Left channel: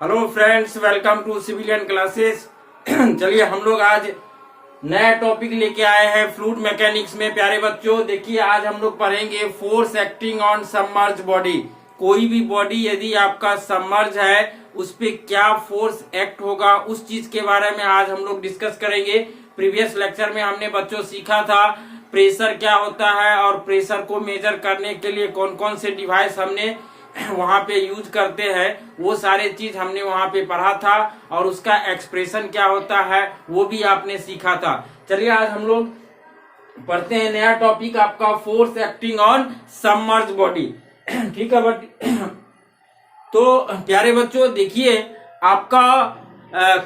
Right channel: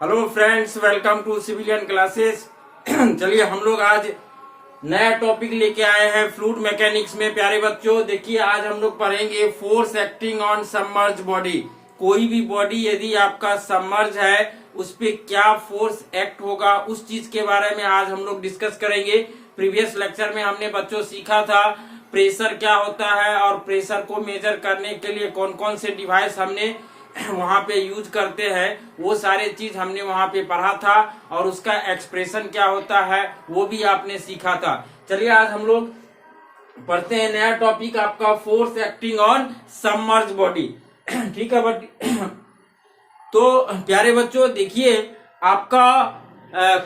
Hello friends, welcome to civilian classes. चलिए हम लोग आज नया टॉपिक लेके आए हैं फ्लूइड मैकेनिक्स में। प्यारे बच्चों देखिए, आज हम लोग पढ़ेंगे force acting on submerge body. कोई भी बॉडी यदि आपका सबमर्ज है उस पे क्या फोर्स एक्ट होगा, उस चीज के बारे में आज हम लोग डिस्कस करेंगे। प्रीवियस लेक्चर में हमने बच्चों सीखा था प्रेशर क्या होता है और प्रेशर को मेजर करने के लिए कौन कौन से डिवाइस हमने वहां पे यूज करते हैं, वो सारे चीज हमने वहां पे पढ़ा था और उसका एक्सप्रेशन क्या होता है वो भी आपने सीखा था। चलिए आज हम लोग पढ़ते हैं नया टॉपिक आपका force acting on submerge body. ठीक है तो प्यारे बच्चों देखिए, आपका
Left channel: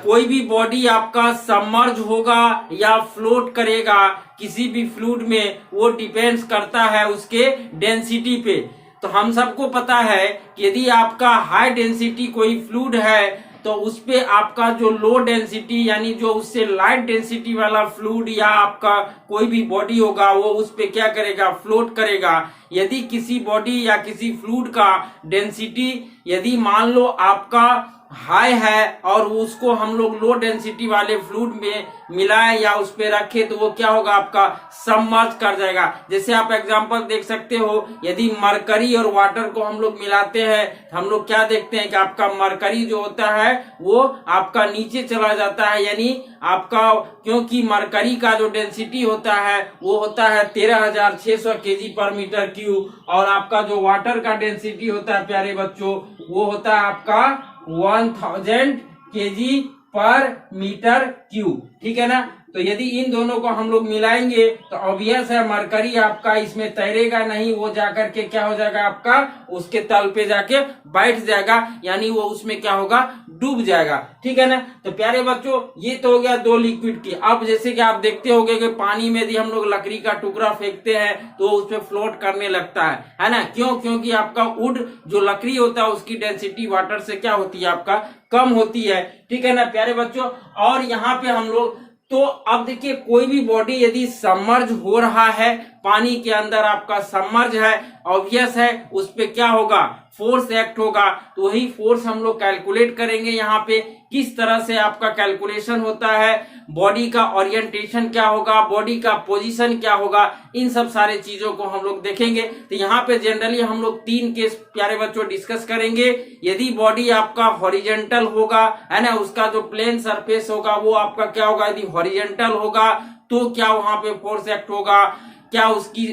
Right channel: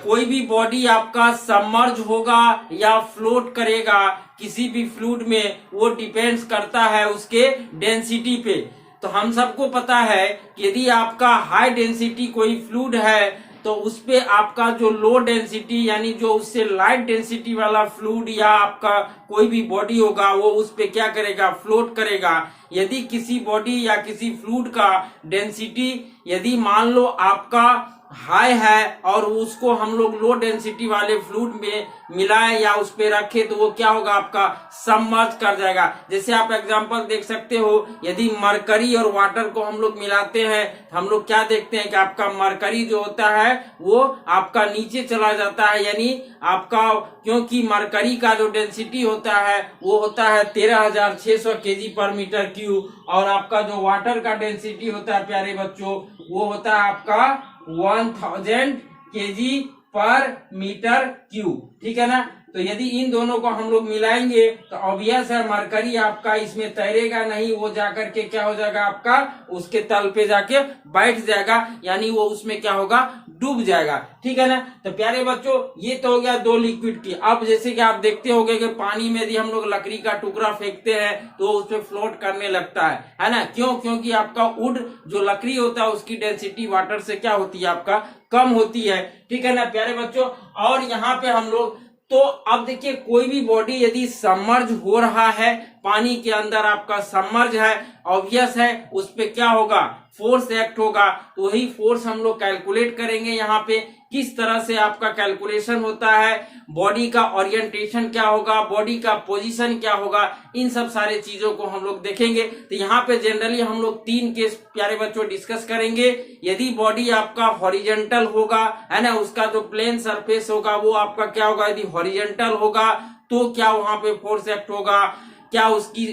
कोई भी बॉडी आपका सबमर्ज होगा या फ्लोट करेगा किसी भी फ्लूइड में, वो डिपेंड्स करता है उसके डेंसिटी पे। तो हम सबको पता है कि यदि आपका हाई डेंसिटी कोई फ्लूइड है तो उस पे आपका जो लो डेंसिटी यानी जो उससे लाइट डेंसिटी वाला फ्लूइड या आपका कोई भी बॉडी होगा वो उस पे क्या करेगा, फ्लोट करेगा। यदि किसी बॉडी या किसी फ्लूइड का डेंसिटी यदि मान लो आपका हाई है और उसको हम लोग लो डेंसिटी वाले फ्लूइड में मिलाए या उस पे रखे तो वो क्या होगा, आपका सबमर्ज कर जाएगा। जैसे आप एग्जांपल देख सकते हो, यदि मरकरी और वाटर को हम लोग मिलाते हैं तो हम लोग क्या देखते हैं कि आपका मरकरी जो होता है वो आपका नीचे चला जाता है, यानी आपका क्योंकि मरकरी का जो डेंसिटी होता है वो होता है 13,600 kg पर मीटर क्यूब और आपका जो वाटर का डेंसिटी होता है प्यारे बच्चों वो होता है आपका 1000 kg पर मीटर क्यूब। ठीक है ना। तो यदि इन दोनों को हम लोग मिलाएंगे तो ऑब्वियस है मरकरी आपका इसमें तैरेगा नहीं, वो जाकर के क्या हो जाएगा, आपका उसके तल पे जाके बैठ जाएगा, यानी वो उसमें क्या होगा, डूब जाएगा। ठीक है ना। तो प्यारे बच्चों ये तो हो गया दो लिक्विड की। अब जैसे कि आप देखते होंगे कि पानी में यदि हम लोग लकड़ी का टुकड़ा फेंकते हैं तो उस पे फ्लोट करने लगता है ना। क्यों? क्योंकि आपका वुड जो लकड़ी होता है उसकी डेंसिटी वाटर से क्या होती है, आपका कम होती है। ठीक है ना प्यारे बच्चों। और यहाँ पे हम लोग तो अब देखिए, कोई भी बॉडी यदि सबमर्ज हो रहा है, पानी के अंदर आपका सबमर्ज है, ऑब्वियस है उस पे क्या होगा, फोर्स एक्ट होगा। तो वही फोर्स हम लोग कैलकुलेट करेंगे। यहाँ पे किस तरह से आपका कैलकुलेशन होता है, बॉडी का ओरिएंटेशन क्या होगा, बॉडी का पोजीशन क्या होगा, इन सब सारे चीजों को हम लोग देखेंगे। तो यहाँ पे जनरली हम लोग 3 केस प्यारे बच्चों डिस्कस करेंगे। यदि बॉडी आपका हॉरिजेंटल होगा, है ना, उसका जो प्लेन सरफेस होगा वो आपका क्या होगा, यदि हॉरिजेंटल होगा तो क्या वहां पे फोर्स एक्ट होगा, क्या उसकी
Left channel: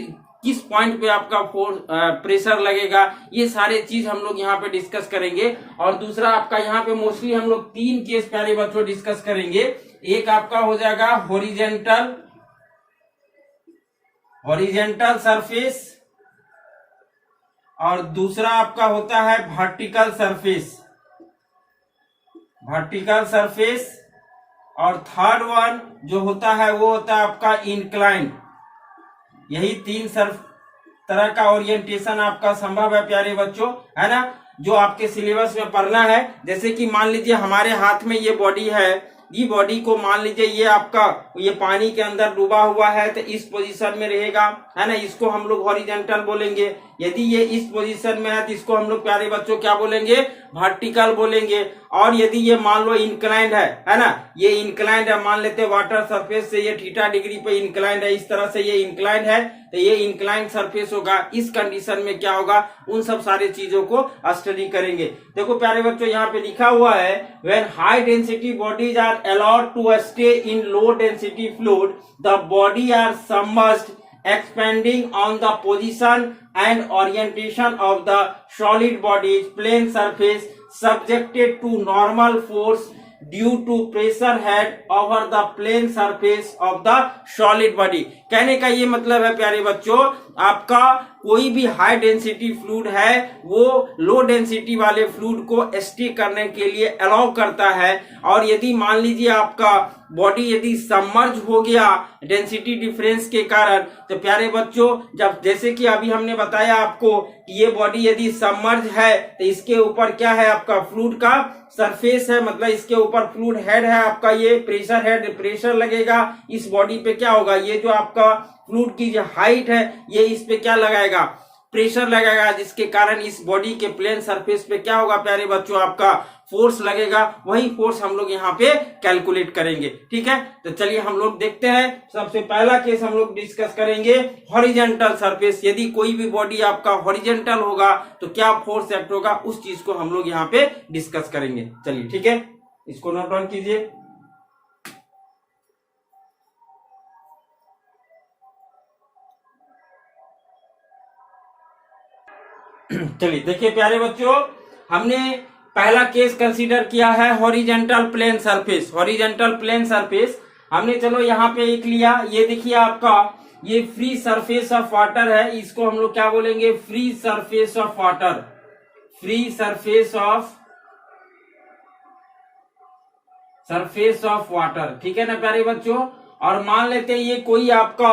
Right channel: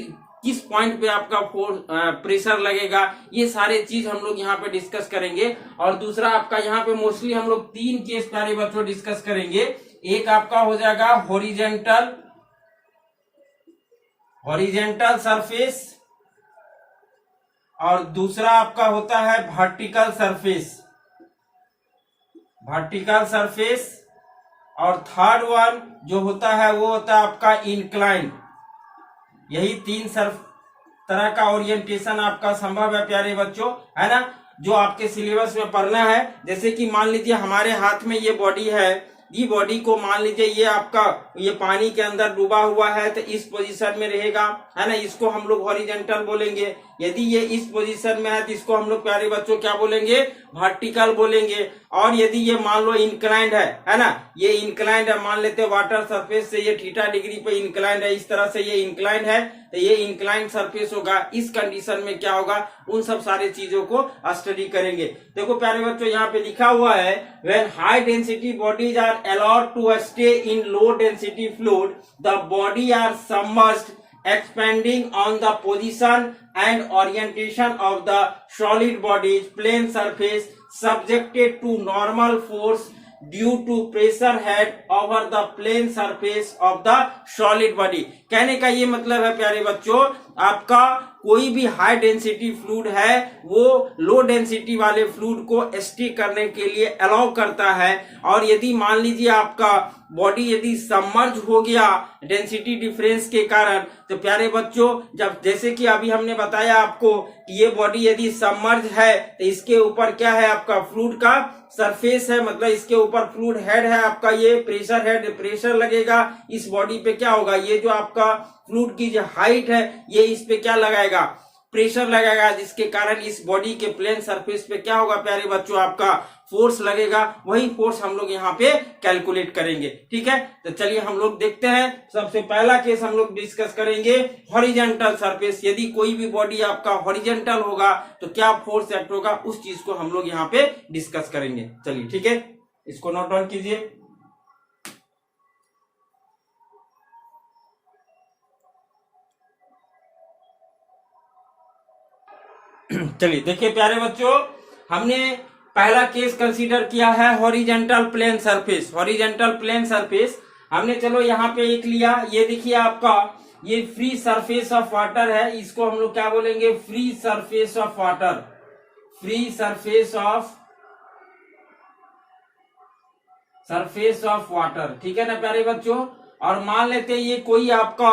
किस पॉइंट पे आपका प्रेशर लगेगा, ये सारे चीज हम लोग यहाँ पे डिस्कस करेंगे। और दूसरा आपका यहाँ पे मोस्टली हम लोग 3 केस प्यारे बच्चों डिस्कस करेंगे। एक आपका हो जाएगा हॉरिजेंटल सरफेस और दूसरा आपका होता है वर्टिकल सरफेस और थर्ड वन जो होता है वो होता है आपका इंक्लाइन। यही 3 तरह का ओरिएंटेशन आपका संभव है प्यारे बच्चों, है ना, जो आपके सिलेबस में पढ़ना है। जैसे कि मान लीजिए हमारे हाथ में ये बॉडी है, ये बॉडी को मान लीजिए ये आपका ये पानी के अंदर डूबा हुआ है तो इस पोजीशन में रहेगा, है ना, इसको हम लोग हॉरिजॉन्टल बोलेंगे। यदि ये इस पोजीशन में है तो इसको हम लोग प्यारे बच्चों क्या बोलेंगे, वर्टिकल बोलेंगे। और यदि ये मान लो इंक्लाइंड है ना, ये इंक्लाइंड है, मान लेते हैं वाटर सरफेस से ये थीटा डिग्री पे इंक्लाइंड है, इस तरह से ये इंक्लाइंड है तो ये इंक्लाइंड सरफेस होगा। इस कंडीशन में क्या होगा, उन सब सारे चीजों को स्टडी करेंगे। देखो प्यारे बच्चों यहाँ पे लिखा हुआ है, when high density bodies are allowed to stay in low density fluid the body are submerged expanding on the position and orientation of the solid body's plane surface subjected to normal force due to pressure head over the plane surface of the solid body। कहने का ये मतलब है प्यारे बच्चों, आपका कोई भी हाई डेंसिटी फ्लूइड है वो लो डेंसिटी वाले फ्लूइड को स्टे करने के लिए अलाउ करता है। और यदि मान लीजिए आपका बॉडी यदि सबमर्ज हो गया डेंसिटी डिफरेंस के कारण, तो प्यारे बच्चों जब जैसे कि अभी हमने बताया आपको कि ये बॉडी यदि सबमर्ज है तो इसके ऊपर क्या है, आपका फ्लूइड का सरफेस है, मतलब इसके ऊपर फ्लूइड हेड है आपका, ये प्रेशर हेड, प्रेशर लगेगा इस बॉडी पे, क्या होगा, ये जो आपका फ्लूइड की जो हाइट है ये इस पे क्या लगाएगा, प्रेशर लगेगा, जिसके कारण इस बॉडी के प्लेन सरफेस पे क्या होगा प्यारे बच्चों, आपका फोर्स लगेगा, वही फोर्स हम लोग यहाँ पे कैलकुलेट करेंगे। ठीक है, तो चलिए हम लोग देखते हैं। सबसे पहला केस हम लोग डिस्कस करेंगे हॉरिजॉन्टल सरफेस। यदि कोई भी बॉडी आपका हॉरिजॉन्टल होगा तो क्या फोर्स एक्ट होगा, उस चीज को हम लोग यहाँ पे डिस्कस करेंगे। चलिए ठीक है, इसको नोट डाउन कीजिए। चलिए देखिए प्यारे बच्चों, हमने पहला केस कंसीडर किया है horizontal plane surface. Horizontal plane surface हमने चलो यहाँ पे एक लिया। ये देखिए आपका ये फ्री सरफेस ऑफ वाटर है, इसको हम लोग क्या बोलेंगे, free surface of water. Free surface of water, ठीक है ना प्यारे बच्चों। और मान लेते हैं ये कोई आपका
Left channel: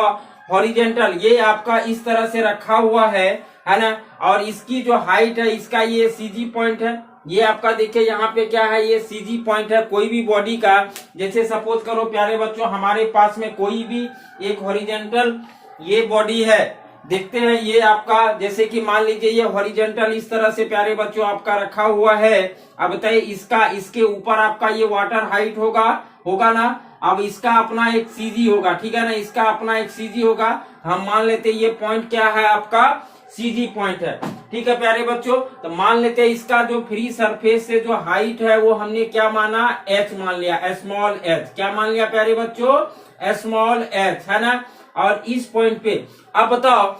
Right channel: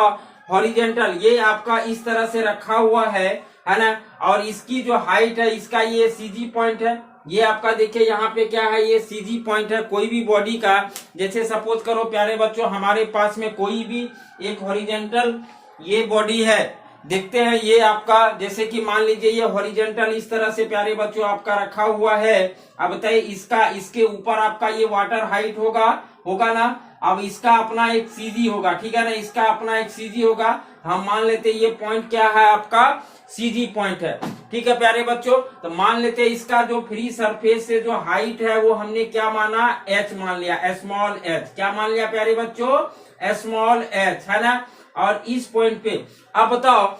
हॉरिजॉन्टल, ये आपका इस तरह से रखा हुआ है ना, और इसकी जो हाइट है, इसका ये सीजी पॉइंट है। ये आपका देखिए यहाँ पे क्या है, ये सीजी पॉइंट है कोई भी बॉडी का। जैसे सपोज करो प्यारे बच्चों, हमारे पास में कोई भी एक हॉरिजॉन्टल ये बॉडी है, देखते हैं ये आपका, जैसे कि मान लीजिए ये हॉरिजॉन्टल इस तरह से प्यारे बच्चों आपका रखा हुआ है। अब बताइए इसके ऊपर आपका ये वाटर हाइट होगा ना। अब इसका अपना एक सीजी होगा, ठीक है ना, इसका अपना एक सीजी होगा। हम मान लेते ये पॉइंट क्या है, आपका सीजी पॉइंट है। ठीक है प्यारे बच्चों, तो मान लेते हैं इसका जो फ्री सरफेस से जो हाइट है वो हमने क्या माना, h मान लिया, स्मॉल h। क्या मान लिया प्यारे बच्चों, स्मॉल h, है ना। और इस पॉइंट पे अब बताओ,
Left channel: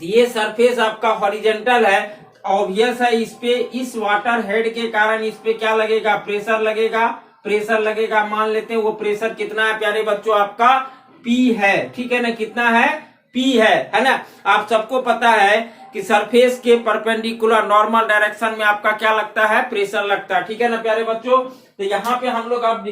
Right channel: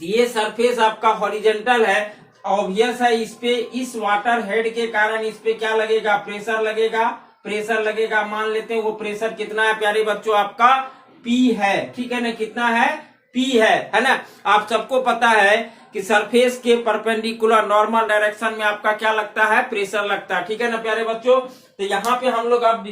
ये सरफेस आपका हॉरिजॉन्टल है, ऑब्वियस है इस पे, इस वाटर हेड के कारण इस पे क्या लगेगा, प्रेशर लगेगा। मान लेते हैं वो प्रेशर कितना है प्यारे बच्चों, आपका P है। ठीक है ना, कितना है, P है ना। आप सबको पता है कि सरफेस के परपेंडिकुलर नॉर्मल डायरेक्शन में आपका क्या लगता है, प्रेशर लगता है। ठीक है ना प्यारे बच्चों, तो यहाँ पे हम लोग अब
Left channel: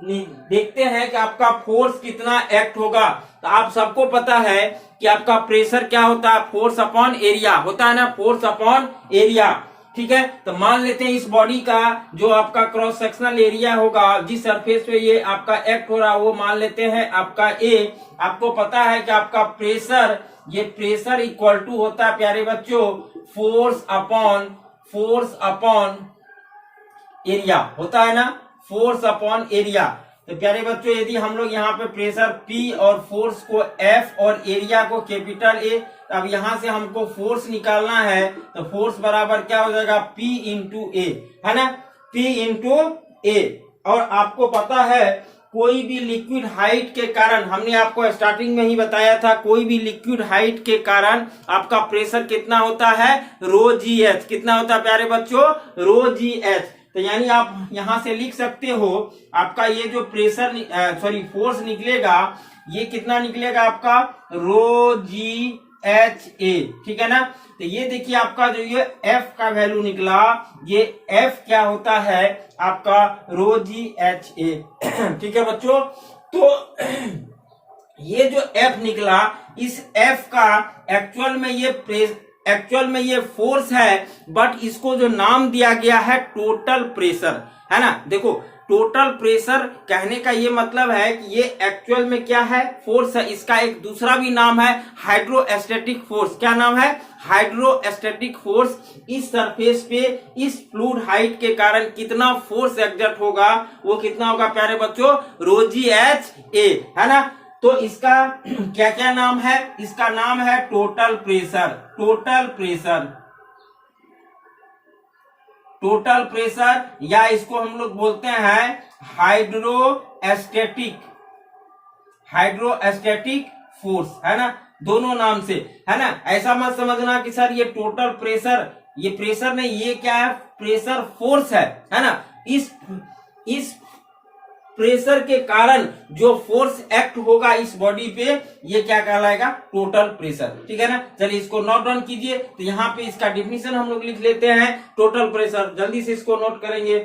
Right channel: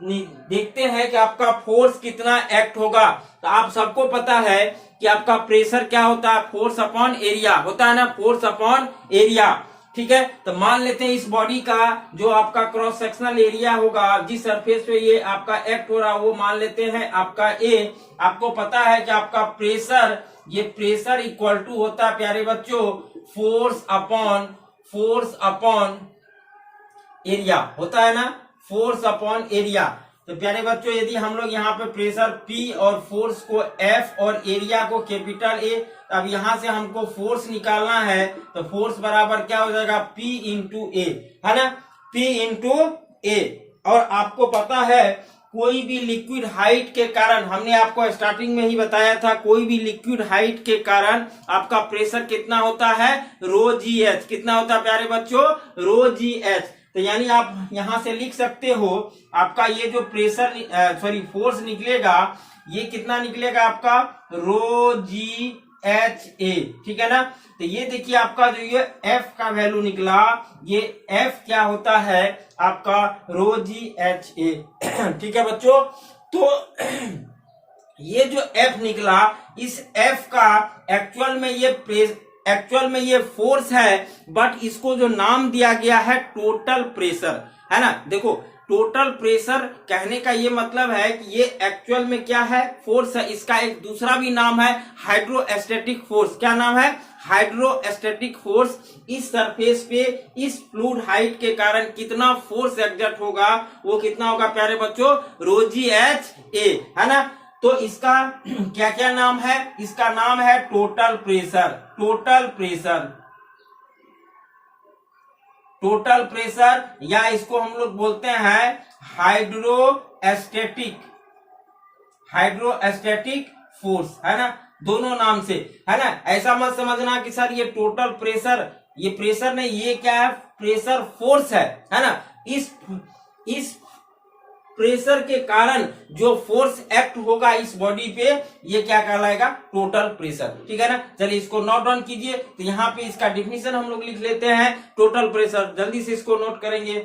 देखते हैं कि आपका फोर्स कितना एक्ट होगा। तो आप सबको पता है कि आपका प्रेशर क्या होता है, फोर्स अपॉन एरिया होता है ना, फोर्स अपॉन एरिया। ठीक है, तो मान लेते हैं इस बॉडी का जो आपका क्रॉस सेक्शनल एरिया होगा, जिस सरफेस पे ये आपका एक्ट हो रहा है, वो मान लेते हैं आपका ए। आपको पता है कि आपका प्रेशर, ये प्रेशर इक्वल टू होता है प्यारे बच्चों फोर्स अपॉन एरिया, होता है ना, फोर्स अपॉन एरिया। तो प्यारे बच्चों यदि हम लोग यहाँ पे प्रेशर P और फोर्स को F और एरिया को कैपिटल A, अब यहाँ से हमको फोर्स निकालना है, तो फोर्स बराबर क्या हो जाएगा, P इंटू A, है ना, P इंटू A। और आपको पता है कोई भी लिक्विड हाइट के कारण, हमने आपको स्टार्टिंग में ही बताया था, कोई भी लिक्विड हाइट के कारण आपका प्रेशर कितना होता है, रो जी एच। कितना होता है प्यारे बच्चों, रो जी एच। तो यानी आप यहां से लिख सकते हो आपका ये जो फोर्स निकलेगा, ये कितना निकलेगा आपका, रो जी एच ए। ठीक है ना, तो ये देखिए आपका जो ये F का वैल्यू निकला, ये F क्या होता है आपका, रो जी एच ए। ठीक है बच्चों, तो ये जो F निकला, इस F का एक्चुअल में ये फोर्स है, बट इसको जो नाम दिया गया है टोटल प्रेशर, है ना। देखो टोटल प्रेशर कहने का ये मतलब है कि ये एक्चुअल में क्या है, फोर्स है। इसका एक दूसरा भी नाम है हाइड्रोस्टैटिक फोर्स। क्या नाम है, हाइड्रोस्टैटिक फोर्स। इस सरफेस पे इस फ्लूइड हाइट के कारण कितना फोर्स एक्सर्ट होगा, वो कितना होगा प्यारे बच्चों, रो जी एच ए, है ना। तो इसका क्या क्या नाम है, इसका नाम है टोटल प्रेशर, या इसको हम लोग बोलते हैं हाइड्रोस्टैटिक फोर्स, है ना, दोनों नाम से, है ना। ऐसा मत समझना कि सर ये टोटल प्रेशर, ये प्रेशर नहीं, ये क्या है, प्रेशर फोर्स है ना। इस प्रेशर के कारण जो फोर्स एक्ट होगा इस बॉडी पे, ये क्या कहलाएगा, टोटल प्रेशर। ठीक है ना, चलिए इसको नोट डाउन कीजिए। तो यहाँ पे इसका डिफिनीशन हम लोग लिख लेते हैं, टोटल प्रेशर, जल्दी से इसको नोट करेंगे।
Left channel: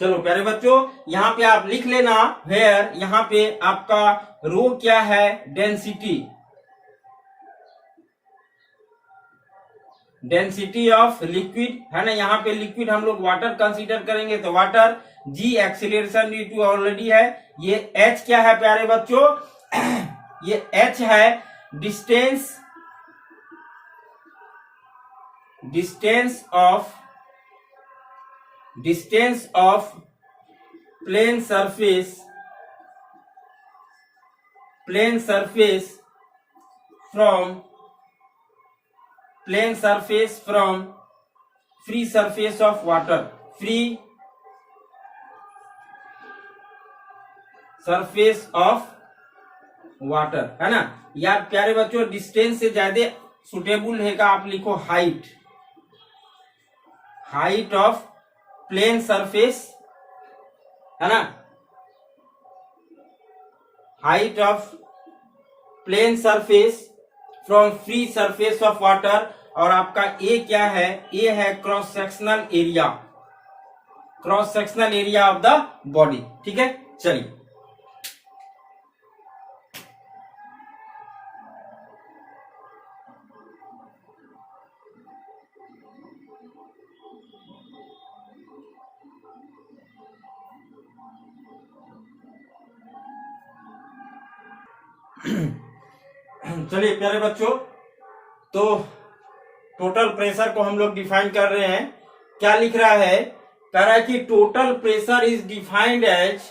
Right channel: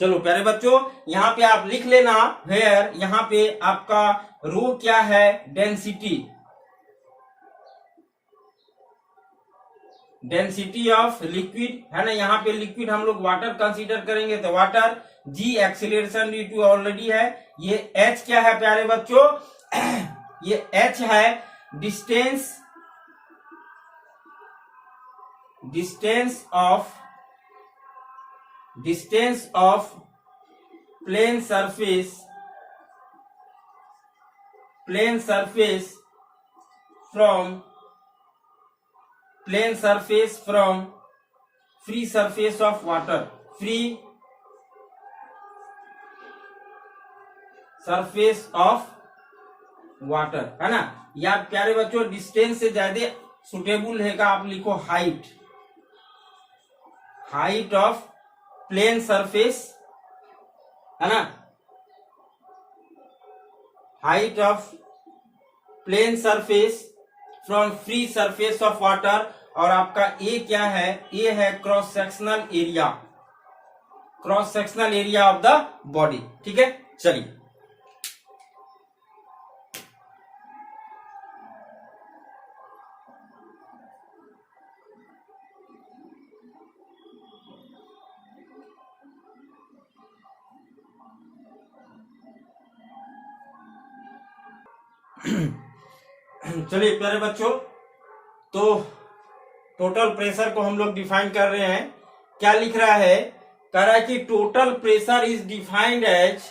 चलो प्यारे बच्चों, यहाँ पे आप लिख लेना वेयर, यहाँ पे आपका रो क्या है, डेंसिटी ऑफ लिक्विड, है ना। यहाँ पे लिक्विड हम लोग वाटर कंसीडर करेंगे, तो water, g acceleration due to already है, ये h क्या है प्यारे बच्चों? ये h है distance of plane surface from free surface of water, free surface of water, है ना। या प्यारे बच्चों डिस्टेंस से ज्यादा सुटेबल हैगा, आप लिखो हाइट ऑफ प्लेन सरफेस, है ना, height of plane surface from free surface of water. और आपका ए क्या है? ए है cross sectional area of the body. ठीक है, चलिए चलिए प्यारे बच्चों, तो टोटल प्रेशर को हम लोग डिफाइन कर रहे हैं। क्या लिख रहा है? कह रहा है कि total pressure is defined as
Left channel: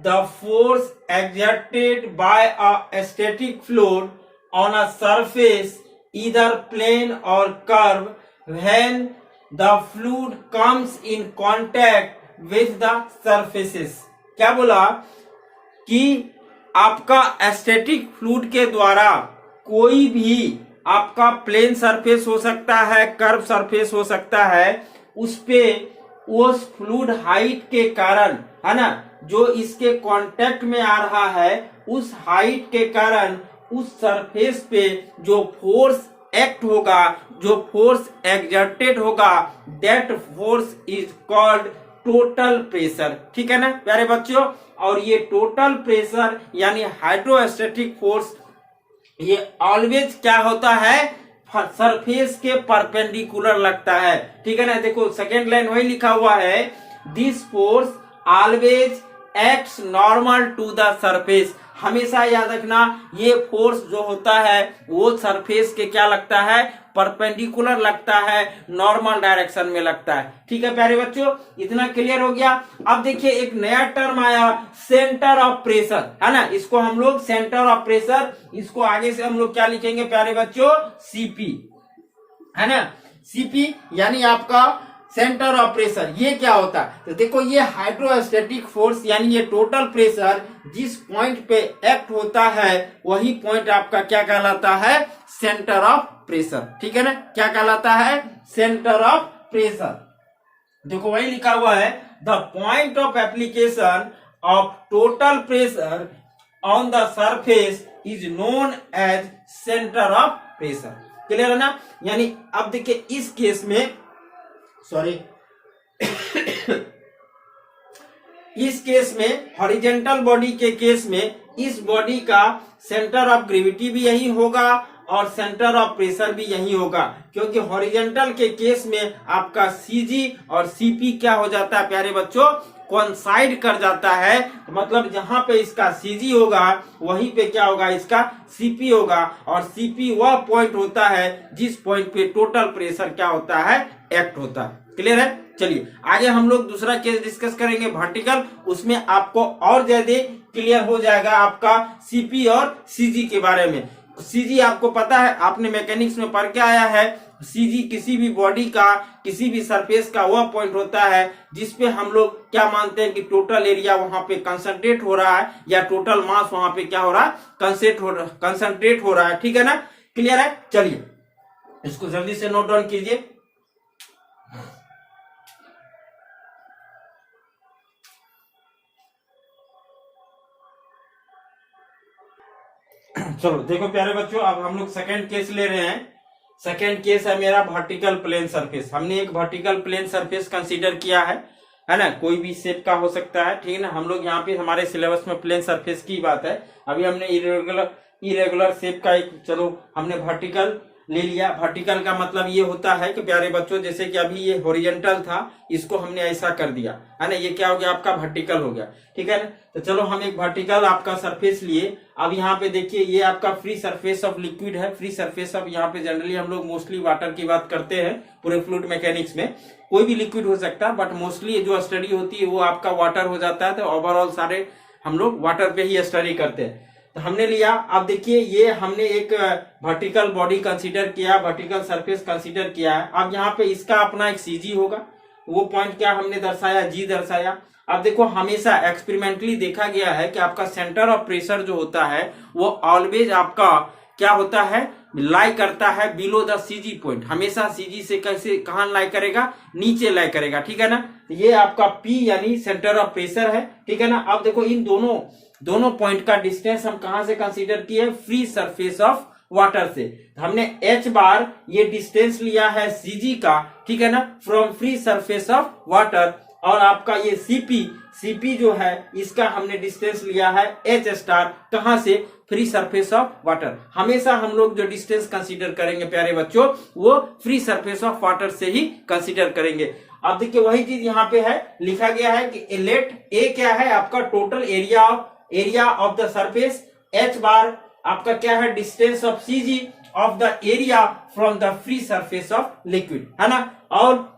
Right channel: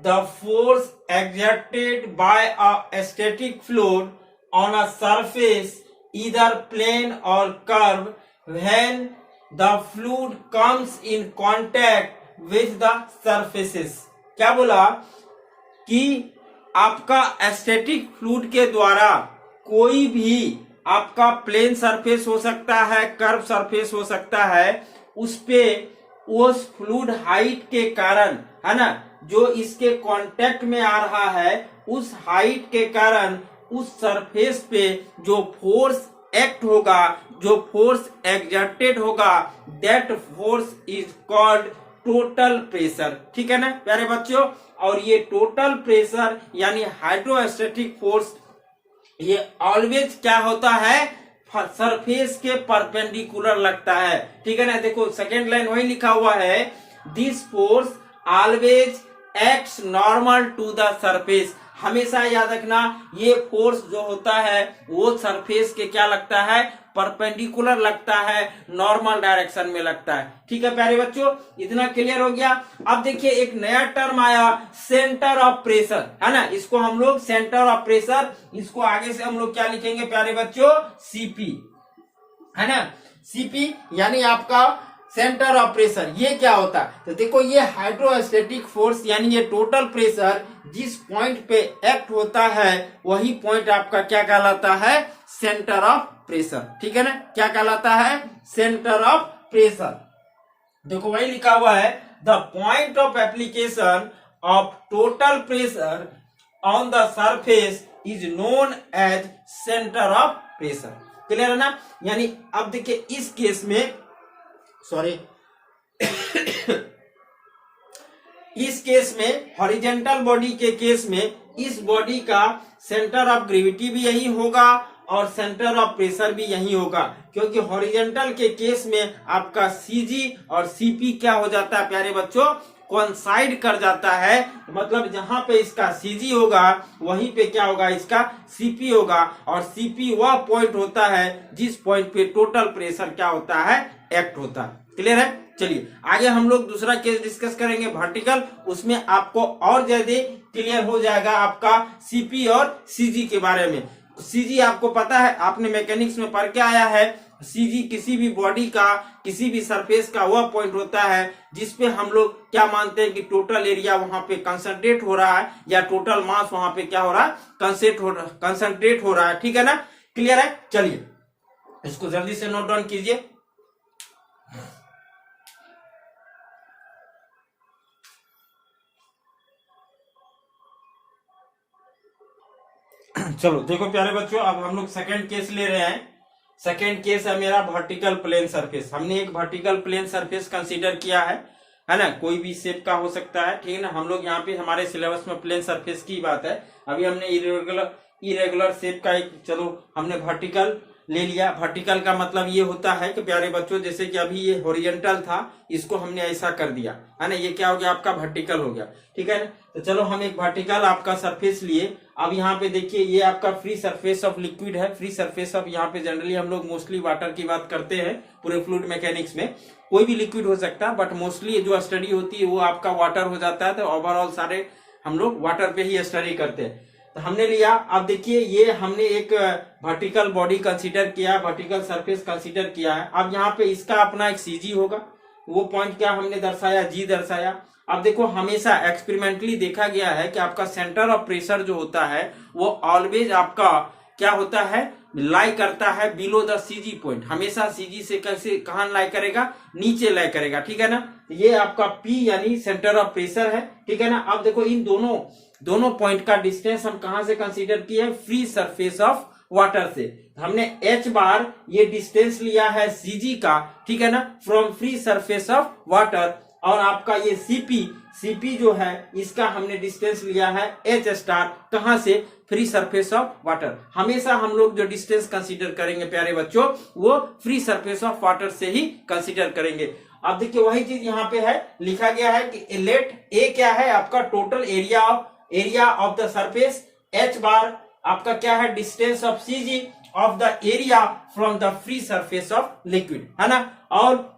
the force exerted by a static fluid on a surface either plane or curve when the fluid comes in contact with the surfaces. क्या बोला कि आपका स्टैटिक फ्लूइड के द्वारा कोई भी आपका प्लेन सरफेस हो सकता है, कर्व सरफेस हो सकता है, उस पे उस फ्लूइड हाइट के कारण, है ना, जो इसके कांटेक्ट में आ रहा है, उस हाइट के कारण उस सरफेस पे जो फोर्स एक्ट होगा, जो फोर्स एक्सर्टेड होगा, that force is called total pressure. ठीक है ना प्यारे बच्चों। और ये टोटल प्रेशर यानी हाइड्रोस्टैटिक फोर्स ये ऑलवेज क्या होता है? सरफेस के परपेंडिकुलर लगता है। ठीक है ना, देखो सेकेंड लाइन वही लिखा हुआ है, this force always acts normal to the surface. हमेशा याद रखना, ये फोर्स जो होता है वो सरफेस के क्या लगता है? परपेंडिकुलर लगता है, नॉर्मल डायरेक्शन में लगता है। ठीक है प्यारे बच्चों, इतना क्लियर हो गया। अब देखिए एक नया टर्म आया, सेंटर ऑफ प्रेशर, है ना। इसको हम लोग सेंटर ऑफ प्रेशर, इसको आगे से हम लोग क्या लिखेंगे प्यारे बच्चों? सीपी, है ना। सीपी यानी आपका सेंटर ऑफ प्रेशर। ये क्या होता है? तो देखो ये हाइड्रोस्टैटिक फोर्स यानी ये टोटल प्रेशर जिस पॉइंट पे एक्ट होता है वही पॉइंट आपका क्या कहलाता है? Centre of pressure. ठीक है ना, क्या कहलाता है? Centre of pressure. देखो वही लिखा हुआ है, the point of application of total pressure on the surface is known as centre of pressure. Clear है ना। यानी अब देखिए इस केस में, सॉरी इस केस में हॉरिजॉन्टल बॉडी के केस में इस बॉडी का सेंटर ऑफ ग्रेविटी भी यही होगा और सेंटर ऑफ प्रेशर भी यही होगा, क्योंकि हॉरिजॉन्टल के केस में आपका सीजी और सीपी क्या हो जाता है प्यारे बच्चों? कोइंसाइड कर जाता है। मतलब जहां पे इसका सीजी होगा वहीं पे क्या होगा? इसका सीपी होगा। और सीपी वह पॉइंट होता है जिस पॉइंट पे टोटल प्रेशर क्या होता है? एक्ट होता है। क्लियर है। चलिए आगे हम लोग दूसरा केस डिस्कस करेंगे वर्टिकल, उसमें आपको और ज्यादा क्लियर हो जाएगा आपका सीपी और सीजी के बारे में। सीजी आपको पता है, आपने मैकेनिक्स में पढ़ के आया है, सीजी किसी भी बॉडी का, किसी भी सरफेस का वह पॉइंट होता है जिसपे हम लोग क्या मानते हैं कि टोटल एरिया वहां पे कंसंट्रेट हो रहा है या टोटल मास वहां पे क्या हो रहा है? कंसंट्रेट हो रहा है। ठीक है ना, क्लियर है। चलिए इसको जल्दी से नोट डाउन कीजिए। चलो देखो प्यारे बच्चों, अब हम लोग सेकंड केस ले रहे हैं। सेकंड केस है मेरा वर्टिकल प्लेन सरफेस। हमने एक वर्टिकल प्लेन सरफेस कंसीडर किया है ना। कोई भी शेप का हो सकता है, ठीक है ना। हम लोग यहाँ पे हमारे सिलेबस में प्लेन सरफेस की बात है। अभी हमने इरेगुलर शेप का एक, चलो हमने वर्टिकल ले लिया। वर्टिकल का मतलब ये होता है कि प्यारे बच्चों, जैसे कि अभी ये हॉरिजॉन्टल था, इसको हमने ऐसा कर दिया है ना, ये क्या हो गया आपका वर्टिकल हो गया, ठीक है ना। तो चलो हम एक वर्टिकल आपका सरफेस लिए। अब यहाँ पे देखिए ये आपका फ्री सरफेस ऑफ लिक्विड है। फ्री सरफेस ऑफ यहाँ पे जनरली हम लोग मोस्टली वाटर की बात करते हैं पूरे फ्लूइड मैकेनिक्स में। कोई भी लिक्विड हो सकता है, बट मोस्टली जो स्टडी होती है वो आपका वाटर हो जाता है। तो ओवरऑल सारे हम लोग वाटर पे ही स्टडी करते हैं। तो हमने लिया, अब देखिए ये हमने एक वर्टिकल बॉडी कंसीडर किया, वर्टिकल सरफेस कंसीडर किया है। अब यहाँ पे इसका अपना एक सीजी होगा, वो पॉइंट क्या हमने दर्शाया, जी दर्शाया। अब देखो हमेशा एक्सपेरिमेंटली देखा गया है कि आपका सेंटर ऑफ प्रेशर जो होता है वो ऑलवेज आपका क्या होता है, लाई करता है बिलो द सीजी पॉइंट। हमेशा सीजी से कैसे कहां लाई करेगा, नीचे लाई करेगा, ठीक है ना। ये आपका पी यानी सेंटर ऑफ प्रेशर है, ठीक है ना। अब देखो इन दोनों पॉइंट का डिस्टेंस हम कहां से कंसीडर किए, फ्री सरफेस ऑफ वाटर से। हमने h बार ये डिस्टेंस लिया है सीजी का, ठीक है ना, from free surface of water. और आपका ये सीपी जो है इसका हमने डिस्टेंस लिया है h स्टार, कहां से, फ्री सरफेस ऑफ वाटर। हमेशा हम लोग जो डिस्टेंस कंसीडर करेंगे प्यारे बच्चों वो फ्री सरफेस ऑफ वाटर से ही कंसीडर करेंगे। अब देखिए वही चीज यहाँ पे है, लिखा गया है कि लेट ए क्या है आपका total area of the surface, h बार आपका क्या है distance of CG of the area from the free surface of liquid, है ना। और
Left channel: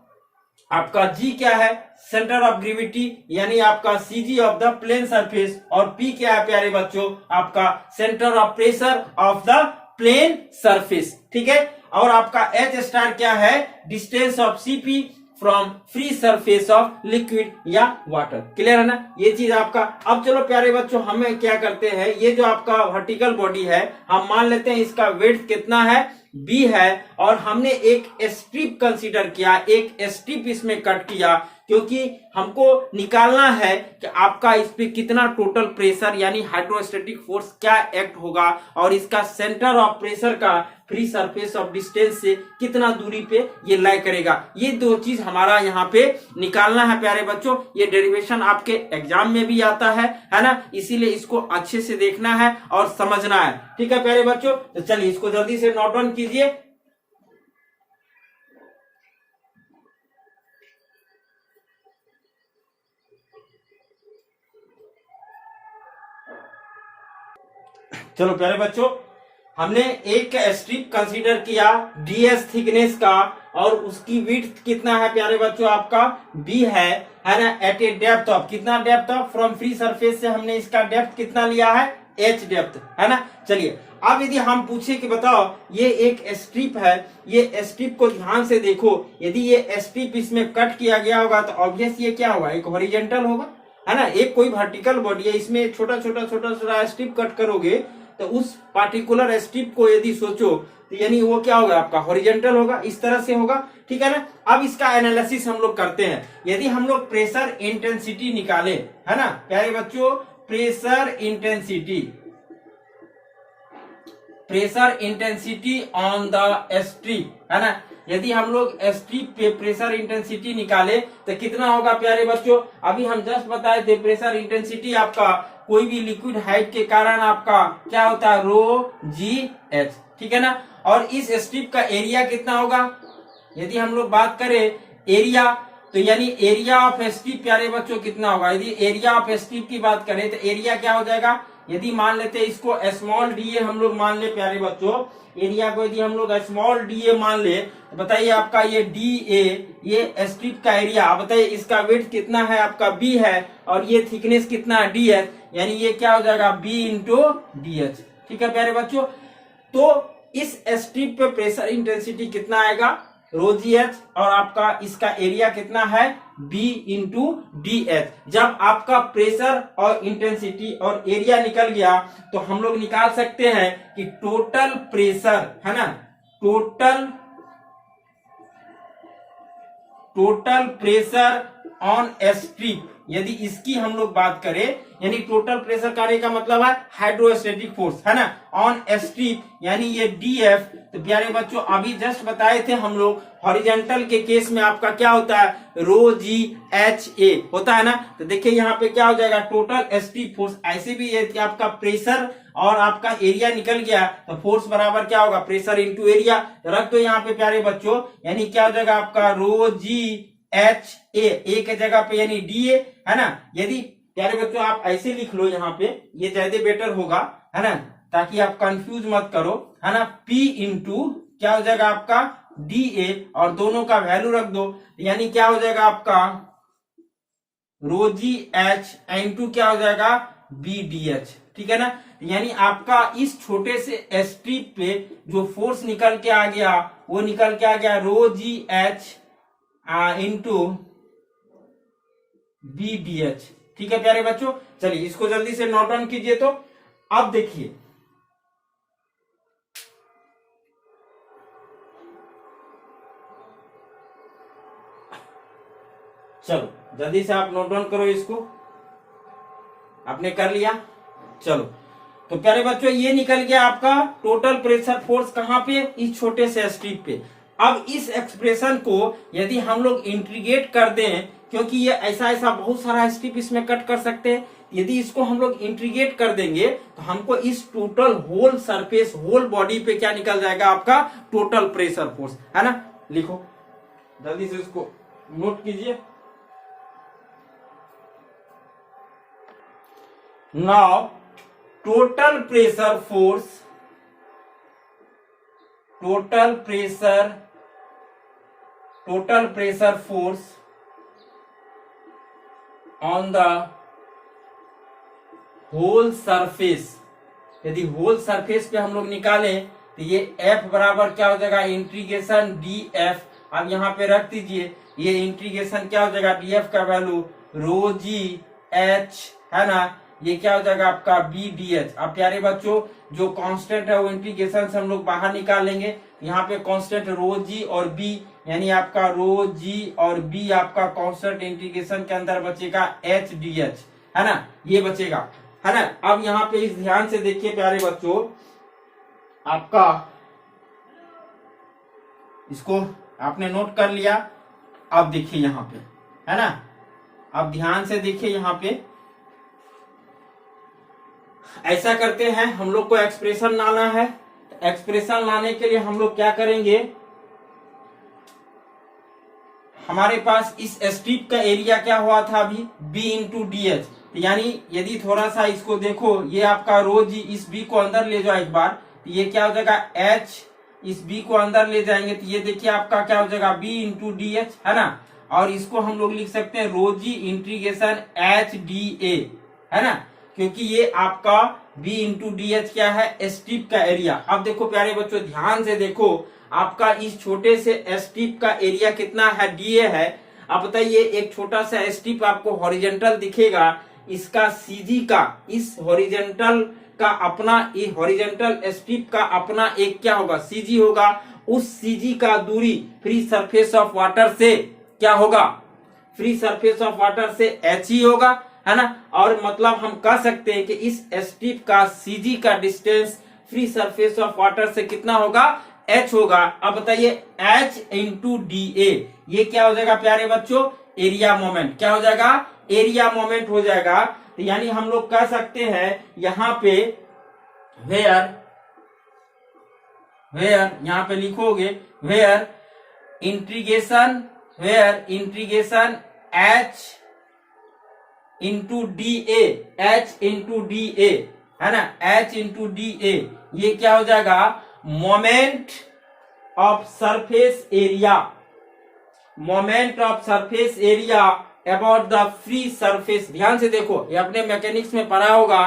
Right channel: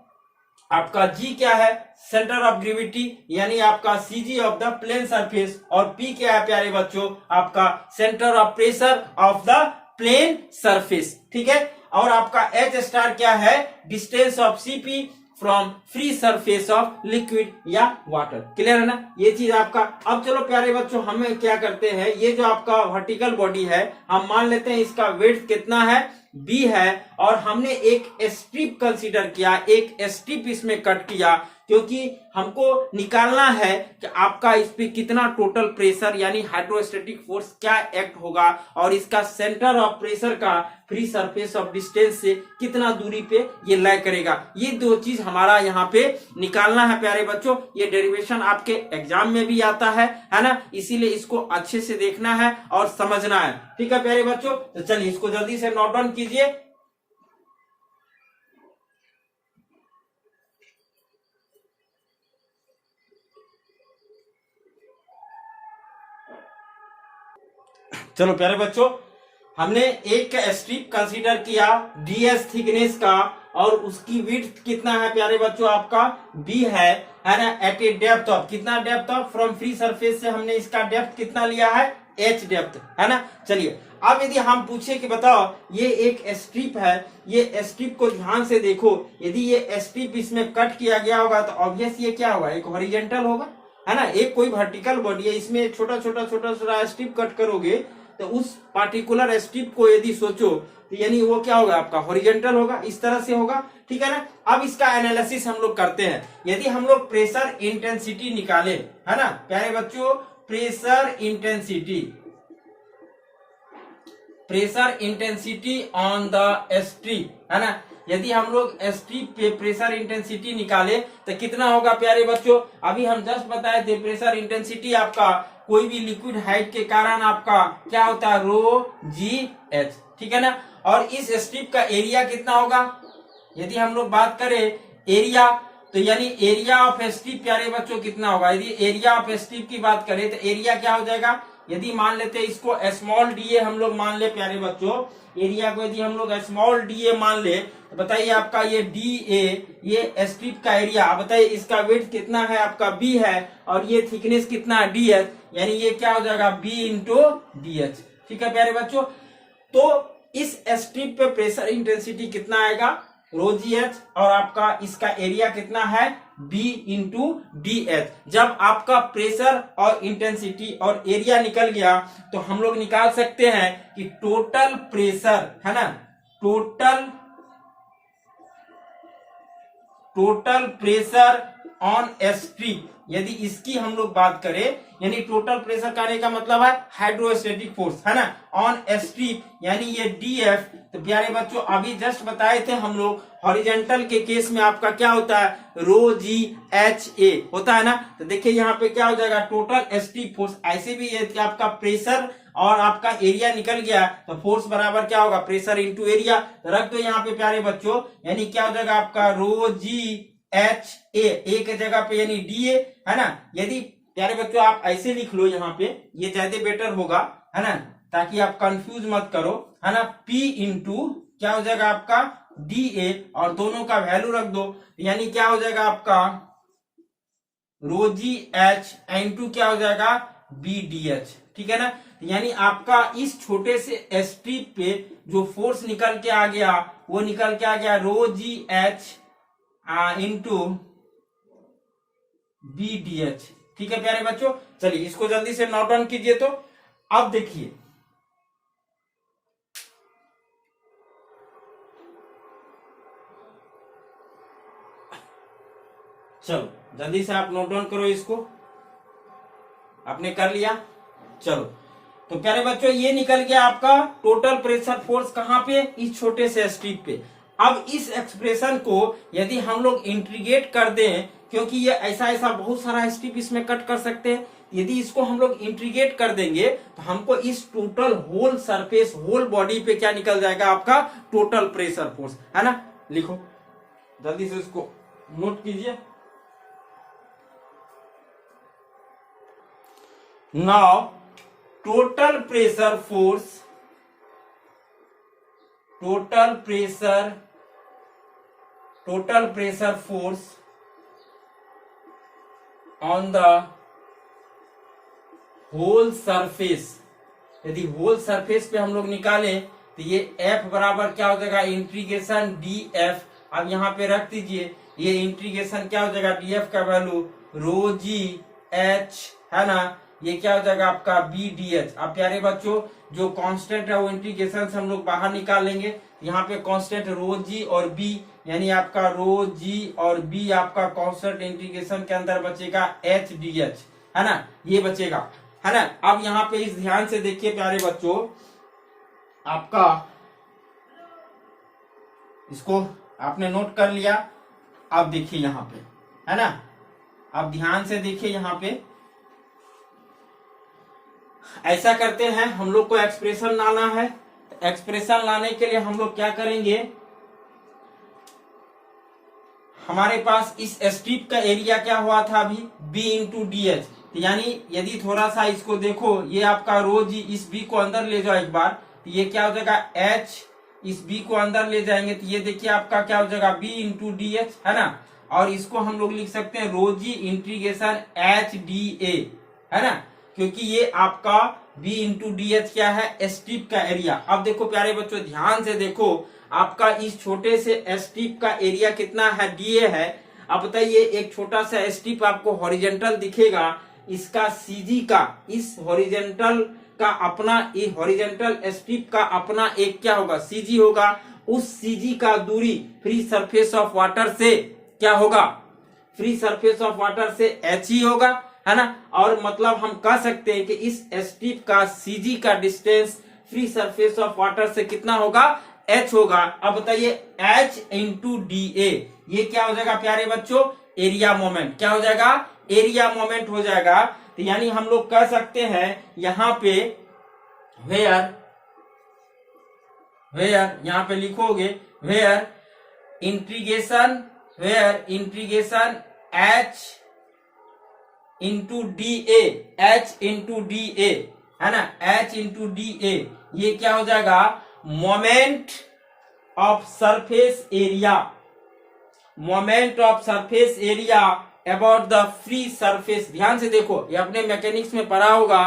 आपका जी क्या है, सेंटर ऑफ ग्रेविटी यानी आपका CG of the plane surface. और पी क्या है प्यारे बच्चों, आपका centre of pressure of the plane surface, ठीक है। और आपका एच स्टार क्या है, distance of CP from free surface of liquid या वाटर। क्लियर है ना ये चीज आपका। अब चलो प्यारे बच्चों हमें क्या करते हैं, ये जो आपका वर्टिकल बॉडी है हम मान लेते हैं इसका वेट कितना है, बी है। और हमने एक स्ट्रिप कंसीडर किया, एक स्ट्रिप इसमें कट किया, क्योंकि हमको निकालना है कि आपका इस पे कितना टोटल प्रेशर यानी हाइड्रोस्टैटिक फोर्स क्या एक्ट होगा, और इसका सेंटर ऑफ प्रेशर का फ्री सरफेस ऑफ डिस्टेंस से कितना दूरी पे ये लाई करेगा। ये दो चीज हमारा यहाँ पे निकालना है प्यारे बच्चों। ये डेरिवेशन आपके एग्जाम में भी आता है ना, इसीलिए इसको अच्छे से देखना है और समझना है, ठीक है प्यारे बच्चों। तो चलिए इसको जल्दी से नोट डाउन कीजिए। चलो प्यारे बच्चों हमने एक स्ट्रिप कंसीडर किया डीएस थिकनेस का, और उसकी विड्थ कितना है प्यारे बच्चों आपका बी है ना। एट ए डेप्थ ऑफ, कितना depth of, from free surface से हमने इसका डेप्थ कितना लिया है, एच डेप्थ, है ना। चलिए अब यदि हम पूछे कि बताओ ये एक स्ट्रिप है, ये स्ट्रिप को ध्यान से देखो, यदि ये स्ट्रिप इसमें कट किया गया होगा तो ऑब्वियस ये क्या होगा, एक हॉरिजॉन्टल होगा, है ना। एक कोई वर्टिकल बॉडी है, इसमें छोटा छोटा स्ट्रिप कट करोगे तो उस पार्टिकुलर स्ट्रिप को यदि सोचो तो यानी वो क्या होगा आपका हॉरिजॉन्टल होगा, इस तरह से होगा, ठीक है ना। अब इसका एनालिसिस हम लोग करते हैं। यदि हम लोग प्रेशर इंटेंसिटी निकाले, है ना प्यारे बच्चों, pressure intensity on the strip, है ना। यदि हम लोग स्ट्रिप पे प्रेशर इंटेंसिटी निकाले तो कितना होगा प्यारे बच्चों, अभी हम जस्ट बताए थे प्रेशर इंटेंसिटी आपका कोई भी लिक्विड हाइट के कारण आपका क्या होता है, रो जी एच, ठीक है ना। और इस स्ट्रिप का एरिया कितना होगा, यदि हम लोग बात करें एरिया, तो यानी एरिया ऑफ स्ट्रिप प्यारे बच्चों कितना होगा। यदि एरिया ऑफ स्ट्रिप की बात करें तो एरिया क्या हो जाएगा, यदि मान लेते इसको स्मॉल डीए हम लोग मान ले प्यारे बच्चों, एरिया को यदि हम लोग स्मॉल डीए मान ले तो बताइए आपका ये डीए, ये स्ट्रिप का एरिया, बताइए इसका विड्थ कितना है आपका बी है, और ये थिकनेस कितना है डी एच, यानी ये क्या हो जाएगा बी इंटू डी एच, ठीक है प्यारे बच्चों। तो इस स्ट्रिप पे प्रेशर इंटेंसिटी कितना आएगा, रो जी एच, और आपका इसका एरिया कितना है बी इंटू डी एच। जब आपका प्रेशर और इंटेंसिटी और एरिया निकल गया तो हम लोग निकाल सकते हैं कि टोटल प्रेशर, है ना, टोटल प्रेशर ऑन स्ट्रिप, यदि इसकी हम लोग बात करें, यानी टोटल प्रेशर कहने का मतलब है हाइड्रोस्टैटिक फोर्स, है ना, ऑन स्ट्रिप, यानी ये डीएफ तो प्यारे बच्चों अभी जस्ट बताए थे हम लोग हॉरिजेंटल के केस में आपका क्या होता है, रो जी एच ए होता है ना। तो देखिए यहाँ पे क्या हो जाएगा, टोटल स्टीप फोर्स। ऐसे भी यदि आपका प्रेशर और आपका एरिया निकल गया तो फोर्स बराबर क्या होगा, प्रेशर इंटू एरिया। तो रख दो यहाँ पे प्यारे बच्चों, यानी क्या हो जाएगा आपका रो जी एच ए के जगह पे यानी डी ए है ना। यदि प्यारे बच्चों आप ऐसे लिख लो यहाँ पे, ये ज्यादा बेटर होगा है ना, ताकि आप कंफ्यूज मत करो है ना। P इंटू क्या हो जाएगा आपका डी ए, और दोनों का वैल्यू रख दो, यानी क्या हो जाएगा आपका रो जी एच इंटू क्या हो जाएगा बी डी एच, ठीक है ना। यानी आपका इस छोटे से स्ट्रिप पे जो फोर्स निकल के आ गया वो निकल के आ गया rho G H into B D H, ठीक है प्यारे बच्चों। चलिए इसको जल्दी से नोट डाउन कीजिए। तो अब देखिए चलो जल्दी से आप नोट डाउन करो, इसको आपने कर लिया। चलो तो प्यारे बच्चों ये निकल गया आपका टोटल प्रेशर फोर्स कहां पे, इस छोटे से स्ट्रिप पे। अब इस एक्सप्रेशन को यदि हम लोग इंटीग्रेट कर दें, क्योंकि ये ऐसा बहुत सारा स्ट्रिप इसमें कट कर सकते हैं, यदि इसको हम लोग इंटीग्रेट कर देंगे तो हमको इस total whole surface whole body पे क्या निकल जाएगा आपका टोटल प्रेशर फोर्स, है ना। लिखो जल्दी से इसको नोट कीजिए। Now total pressure force, total pressure force on the whole surface, यदि होल सरफेस पे हम लोग निकालें तो ये F बराबर क्या हो जाएगा इंटीग्रेशन डी एफ। अब यहाँ पे रख दीजिए, ये इंटीग्रेशन क्या हो जाएगा डी एफ का वैल्यू रो जी एच है ना, ये क्या हो जाएगा आपका बी डी एच। अब प्यारे बच्चों जो कांस्टेंट है वो इंटीग्रेशन से हम लोग बाहर निकाल लेंगे। यहाँ पे कांस्टेंट रो जी और बी, यानी आपका रो जी और बी आपका कांस्टेंट इंटीग्रेशन के अंदर बचेगा एच डी एच, है ना, ये बचेगा, है ना। अब यहाँ पे इस ध्यान से देखिए प्यारे बच्चों, आपका इसको आपने नोट कर लिया। अब देखिए यहाँ पे, है ना, अब ध्यान से देखिए यहाँ पे ऐसा करते हैं, हम लोग को एक्सप्रेशन लाना है। एक्सप्रेशन लाने के लिए हम लोग क्या करेंगे, हमारे पास इस स्ट्रिप का एरिया क्या हुआ था अभी B इंटू डी एच, यानी यदि थोड़ा सा इसको देखो, ये आपका रो जी, इस B को अंदर ले जाओ एक बार, तो ये क्या हो जाएगा H, इस B को अंदर ले जाएंगे तो ये देखिए आपका क्या हो जाएगा B इंटू डी एच, है ना। और इसको हम लोग लिख सकते हैं रो जी इंटीग्रेशन एच डी ए, है ना, क्योंकि ये आपका B इंटू डी एच क्या है स्ट्रिप का एरिया। अब देखो प्यारे बच्चों ध्यान से देखो, आपका इस छोटे से स्ट्रिप का एरिया कितना है, डीए है। अब बताइए एक छोटा सा स्ट्रिप आपको हॉरिजेंटल दिखेगा, इसका सीजी का, इस हॉरिजेंटल का अपना, ये हॉरिजेंटल स्ट्रिप का अपना एक क्या होगा सीजी होगा। उस सीजी का दूरी फ्री सरफेस ऑफ वाटर से क्या होगा, फ्री सरफेस ऑफ वाटर से एच ही होगा, है ना। और मतलब हम कह सकते हैं कि इस स्ट्रिप का सीजी का distance free surface of water से कितना होगा, एच होगा। अब बताइए एच इंटू डी ए, ये क्या हो जाएगा प्यारे बच्चों एरिया मोमेंट, क्या हो जाएगा एरिया मोमेंट हो जाएगा। तो यानी हम लोग कह सकते हैं यहाँ पे वेयर यहाँ पे लिखोगे where integration H into D A, H into D A, है ना, एच इंटू डी ए, ये क्या हो जाएगा moment of surface area, moment of surface area about the free surface. ध्यान से देखो, ये अपने मैकेनिक्स में पढ़ा होगा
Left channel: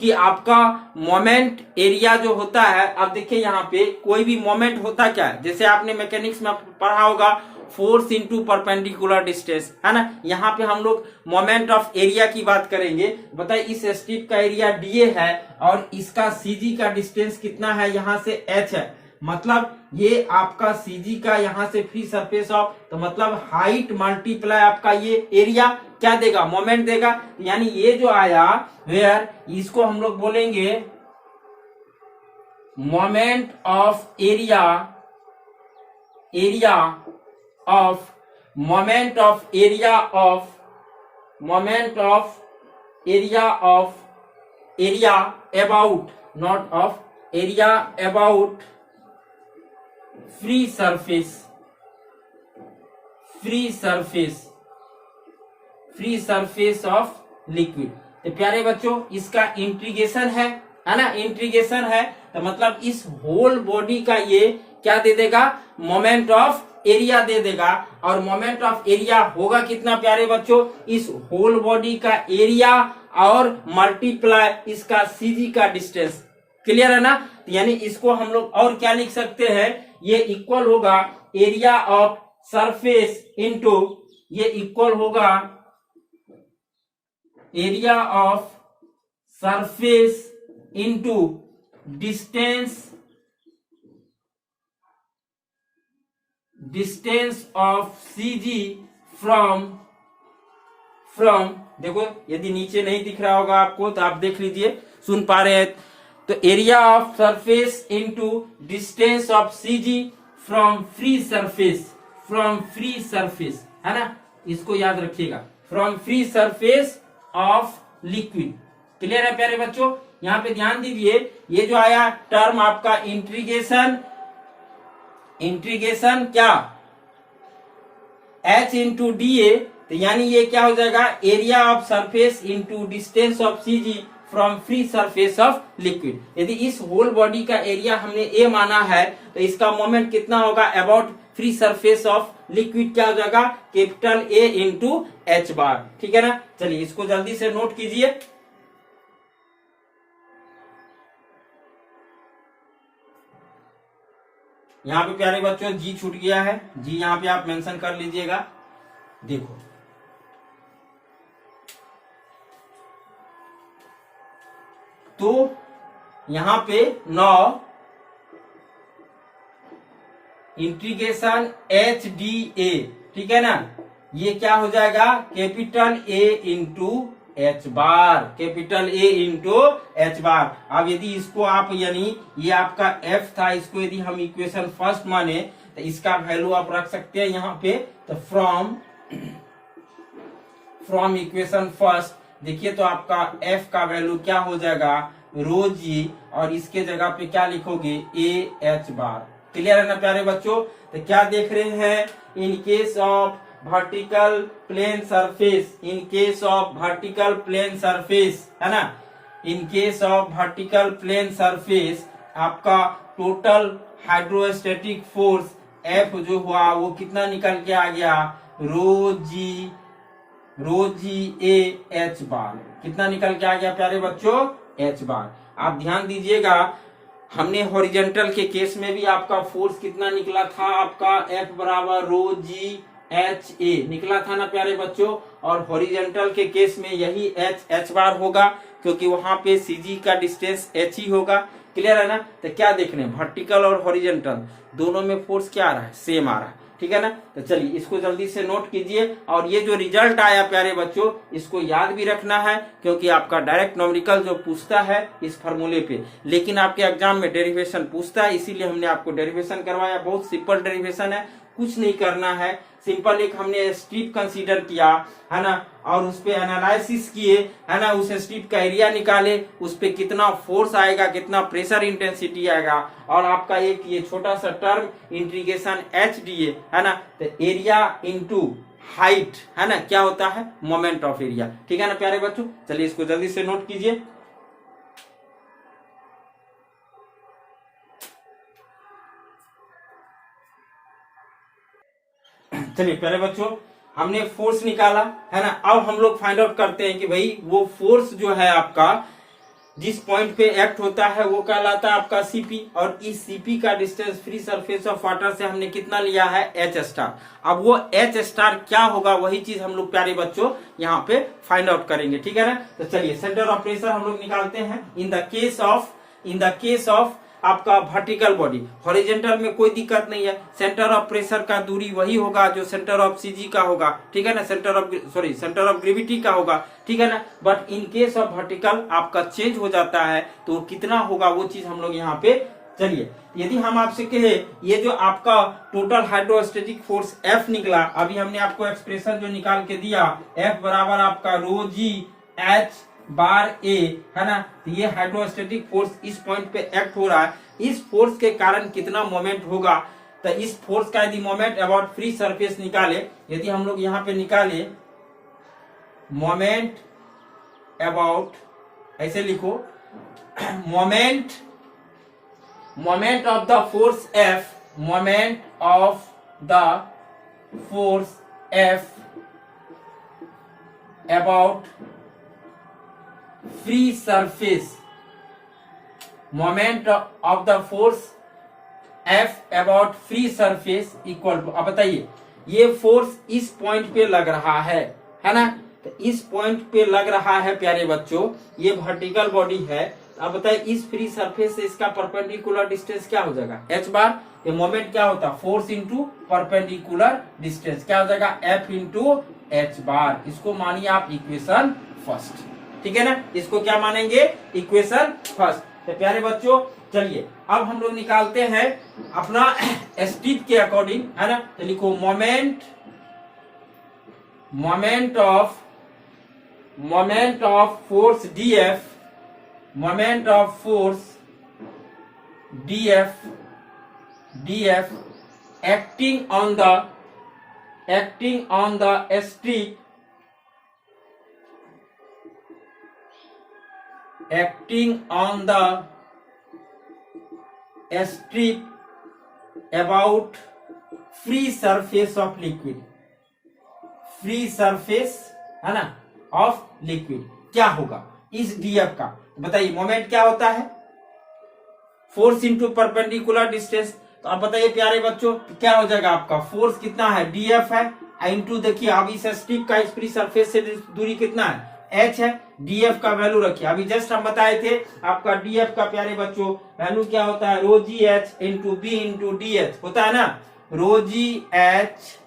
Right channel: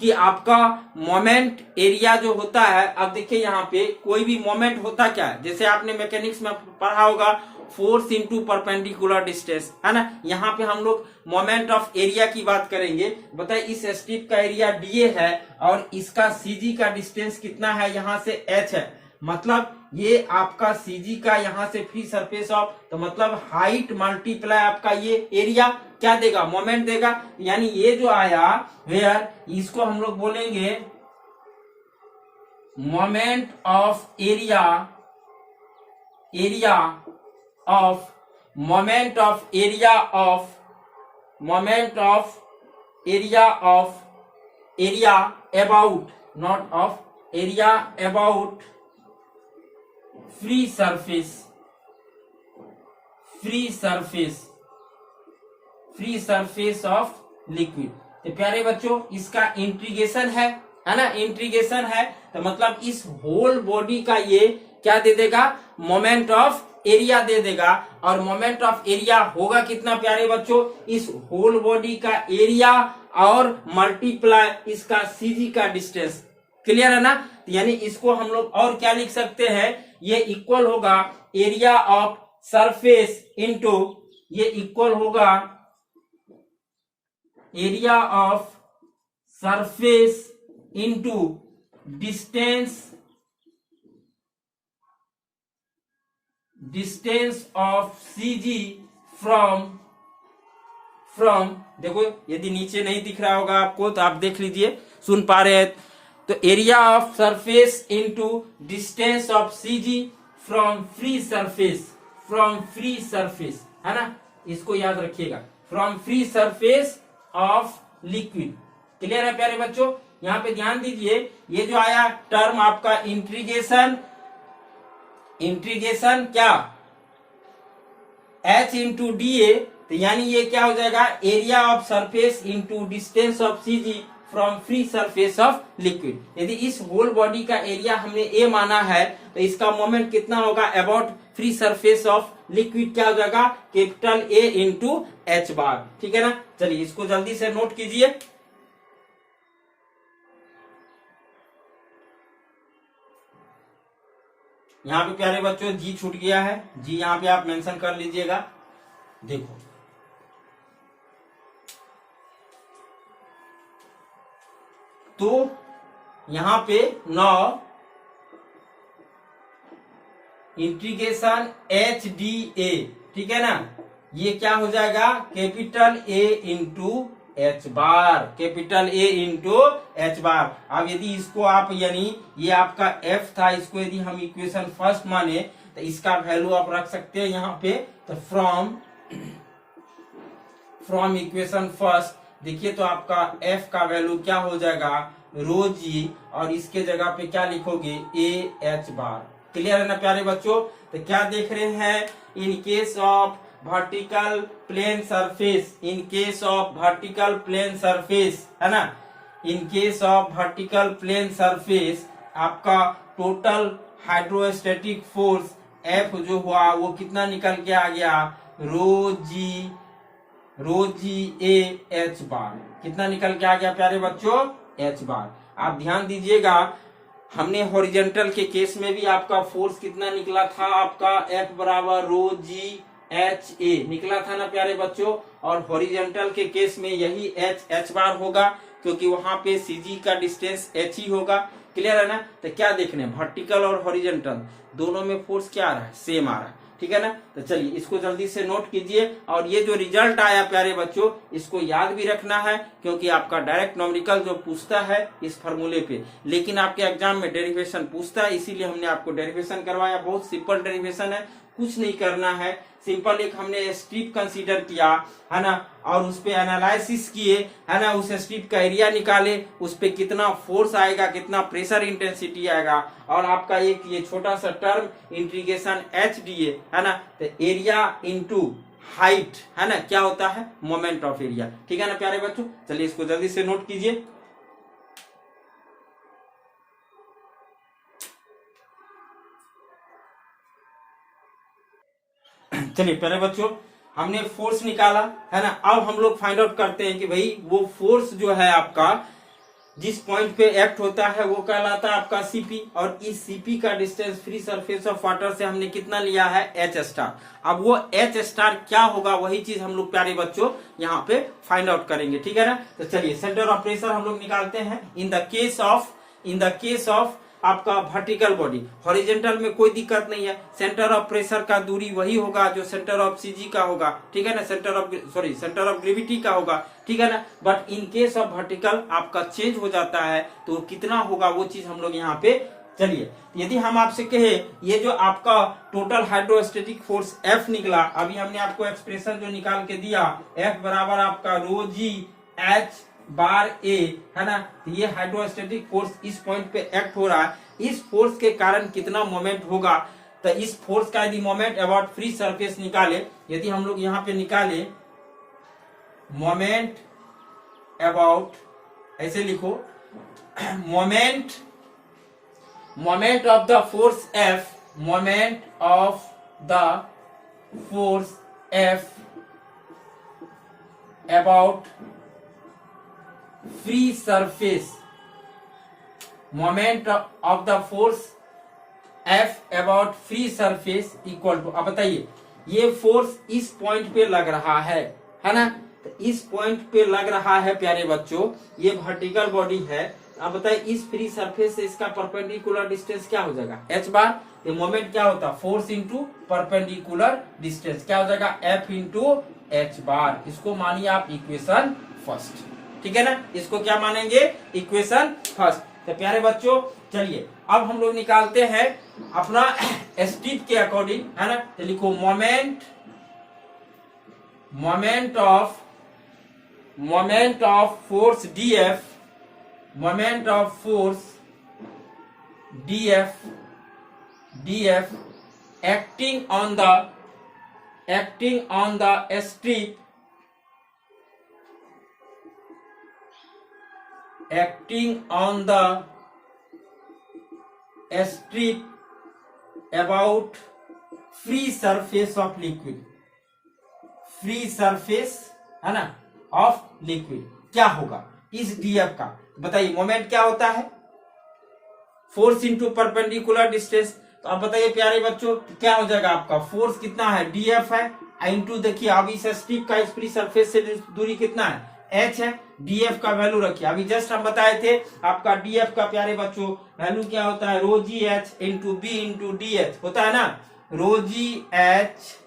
कि आपका मोमेंट एरिया जो होता है, अब देखिए यहाँ पे कोई भी मोमेंट होता क्या है, जैसे आपने मैकेनिक्स में पढ़ा होगा फोर्स इंटू परपेंडिकुलर डिस्टेंस, है ना। यहाँ पे हम लोग मोमेंट ऑफ एरिया की बात करेंगे। बताइए इस स्ट्रिप का एरिया डीए है और इसका सीजी का डिस्टेंस कितना है, यहाँ से एच है, मतलब ये आपका सीजी का यहाँ से फ्री सरफेस ऑफ, तो मतलब हाइट मल्टीप्लाई आपका ये एरिया क्या देगा, मोमेंट देगा। यानी ये जो आया वेयर, इसको हम लोग बोलेंगे moment of area of moment of area of area about, not of area about free surface of liquid. तो प्यारे बच्चों इसका इंटीग्रेशन है ना, इंटीग्रेशन है तो मतलब इस होल बॉडी का ये क्या दे देगा, मोमेंट ऑफ एरिया दे देगा। और मोमेंट ऑफ एरिया होगा कितना प्यारे बच्चों, इस होल बॉडी का एरिया और मल्टीप्लाई इसका सीजी का डिस्टेंस। क्लियर है ना, यानी इसको हम लोग और क्या लिख सकते हैं, ये इक्वल होगा एरिया ऑफ सरफेस इंटू, ये इक्वल होगा area of surface into distance of CG from देखो यदि नीचे नहीं दिख रहा होगा आपको तो आप देख लीजिए, सुन पा रहे हैं तो area of surface into distance of CG from free surface है ना, इसको याद रखिएगा, from free surface of liquid. Clear है प्यारे बच्चों, यहाँ पे ध्यान दीजिए, ये जो आया टर्म आपका इंटीग्रेशन क्या H इंटू डी ए, तो यानी ये क्या हो जाएगा, area of surface into distance of CG from free surface of liquid. यदि इस होल बॉडी का एरिया हमने ए माना है तो इसका मोमेंट कितना होगा, about free surface of liquid क्या हो जाएगा, capital A into H bar. ठीक है ना, चलिए इसको जल्दी से नोट कीजिए। यहाँ पे प्यारे बच्चों जी छूट गया है, जी यहाँ पे आप मेंशन कर लीजिएगा। देखो तो यहाँ पे 9 इंटीग्रेशन एच डी ए, ठीक है ना, ये क्या हो जाएगा, capital A into H bar, capital A into H bar. अब यदि इसको आप यानी ये आपका एफ था, इसको यदि हम इक्वेशन फर्स्ट माने तो इसका वैल्यू आप रख सकते हैं यहाँ पे, तो फ्रॉम इक्वेशन फर्स्ट देखिए तो आपका एफ का वैल्यू क्या हो जाएगा, रो जी, और इसके जगह पे क्या लिखोगे, ए एच बार। क्लियर है ना प्यारे बच्चों, तो क्या देख रहे हैं, in case of vertical plane surface, in case of vertical plane surface है ना, in case of vertical plane surface आपका टोटल हाइड्रोस्टैटिक फोर्स एफ जो हुआ वो कितना निकल के आ गया, रो जी ए एच बार। कितना निकल के आ गया प्यारे बच्चों, एच बार। आप ध्यान दीजिएगा, हमने हॉरिजॉन्टल के केस में भी आपका फोर्स कितना निकला था, आपका एफ बराबर रो जी एच ए निकला था ना प्यारे बच्चों, और हॉरिजॉन्टल के केस में यही एच बार होगा क्योंकि वहां पे सीजी का डिस्टेंस एच ही होगा। क्लियर है ना, तो क्या देखने, वर्टिकल और हॉरिजॉन्टल दोनों में फोर्स क्या आ रहा है, सेम आ रहा है। ठीक है ना, तो चलिए इसको जल्दी से नोट कीजिए, और ये जो रिजल्ट आया प्यारे बच्चों इसको याद भी रखना है क्योंकि आपका डायरेक्ट न्यूमेरिकल जो पूछता है इस फार्मूले पे, लेकिन आपके एग्जाम में डेरिवेशन पूछता है, इसीलिए हमने आपको डेरिवेशन करवाया। बहुत सिंपल डेरिवेशन है, कुछ नहीं करना है, सिंपल एक हमने स्ट्रिप कंसीडर किया है ना, और उस पे एनालिसिस किए है ना, उस स्ट्रिप का एरिया निकाले, उस पे कितना फोर्स आएगा, कितना प्रेशर इंटेंसिटी आएगा, और आपका एक ये छोटा सा टर्म इंटीग्रेशन एच डी है ना, तो एरिया इंटू हाइट है ना, क्या होता है, मोमेंट ऑफ एरिया। ठीक है ना प्यारे बच्चों, चलिए इसको जल्दी से नोट कीजिए। चलिए प्यारे बच्चों हमने फोर्स निकाला है ना, अब हम लोग फाइंड आउट करते हैं कि भाई वो फोर्स जो है आपका जिस पॉइंट पे एक्ट होता है वो कहलाता है आपका सीपी, और इस सीपी का distance free surface of water से हमने कितना लिया है, एच स्टार। अब वो एच स्टार क्या होगा वही चीज हम लोग प्यारे बच्चों यहाँ पे फाइंड आउट करेंगे। ठीक है ना, तो चलिए सेंटर ऑफ प्रेशर हम लोग निकालते हैं। इन द केस ऑफ आपका वर्टिकल बॉडी, हॉरिजॉन्टल में कोई दिक्कत नहीं है, सेंटर ऑफ प्रेशर का दूरी वही होगा जो सेंटर ऑफ सीजी का होगा। ठीक है ना, सेंटर ऑफ ग्रेविटी का होगा। ठीक है ना, but in case of vertical आपका चेंज हो जाता है तो कितना होगा वो चीज हम लोग यहाँ पे चलिए, यदि हम आपसे कहे ये जो आपका टोटल हाइड्रोस्टेटिक फोर्स F निकला, अभी हमने आपको एक्सप्रेशन जो निकाल के दिया, F बराबर आपका रो जी H बार A, है ना। तो ये हाइड्रोस्टेटिक फोर्स इस पॉइंट पे एक्ट हो रहा है, इस फोर्स के कारण कितना मोमेंट होगा। तो इस फोर्स का यदि मोमेंट अबाउट फ्री सरफेस निकाले, यदि हम लोग यहाँ पे निकाले मोमेंट अबाउट, ऐसे लिखो moment of the force F, moment of the force F about free surface, moment of the force F about free surface equal to, अब बताइए ये फोर्स इस पॉइंट पे लग रहा है ना। तो इस पॉइंट पे लग रहा है प्यारे बच्चों, ये वर्टिकल बॉडी है। अब बताइए इस फ्री सरफेस से इसका परपेंडिकुलर डिस्टेंस क्या हो जाएगा, h बार। ये मोमेंट क्या होता है, फोर्स इंटू परपेंडिकुलर डिस्टेंस, क्या हो जाएगा, F इंटू h बार। इसको मानिए आप इक्वेशन फर्स्ट, ठीक है ना। इसको क्या मानेंगे, इक्वेशन फर्स्ट। तो प्यारे बच्चों चलिए अब हम लोग निकालते हैं अपना स्ट्रिप के अकॉर्डिंग, है ना। तो लिखो moment of force DF, moment of force DF acting on the strip, acting on the strip about free surface of liquid, free surface है ना ऑफ लिक्विड, क्या होगा इस डीएफ का। बताइए मोमेंट क्या होता है, फोर्स इंटू परपेंडिकुलर डिस्टेंस। तो अब बताइए प्यारे बच्चों क्या हो जाएगा, आपका फोर्स कितना है, डीएफ है, इंटू देखिए अब इस स्ट्रिप का इस फ्री सरफेस से दूरी कितना है, h है। डीएफ का वैल्यू रखिए, अभी जस्ट हम बताए थे आपका डीएफ का प्यारे बच्चों वैल्यू क्या होता है, rho G H into B into D H होता है ना। Rho G H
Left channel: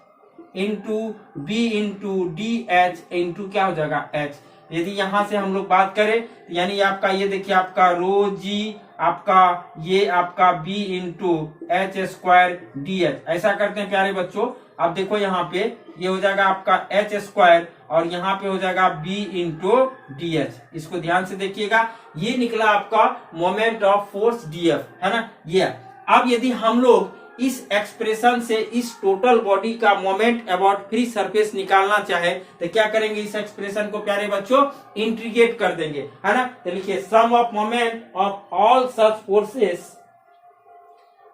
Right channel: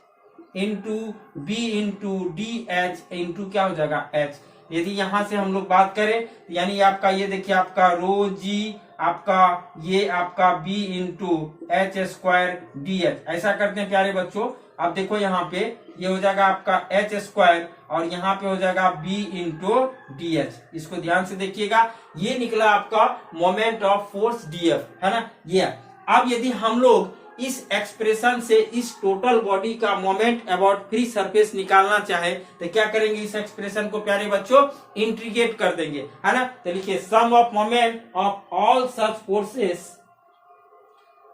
into B into D H into क्या हो जाएगा एच। यदि यहां से हम लोग बात करें यानी आपका ये देखिए आपका रो जी आपका ये आपका B into H square D H, ऐसा करते हैं प्यारे बच्चों। अब देखो यहाँ पे ये हो जाएगा आपका एच स्क्वायर और यहाँ पे हो जाएगा बी इंटू डी एच। इसको ध्यान से देखिएगा, ये निकला आपका मोमेंट ऑफ फोर्स डीएफ, है ना ये। अब यदि हम लोग इस एक्सप्रेशन से इस टोटल बॉडी का मोमेंट अबाउट फ्री सरफेस निकालना चाहे तो क्या करेंगे, इस एक्सप्रेशन को प्यारे बच्चों इंटीग्रेट कर देंगे, है ना। तो लिखिए sum of moment of all such forces,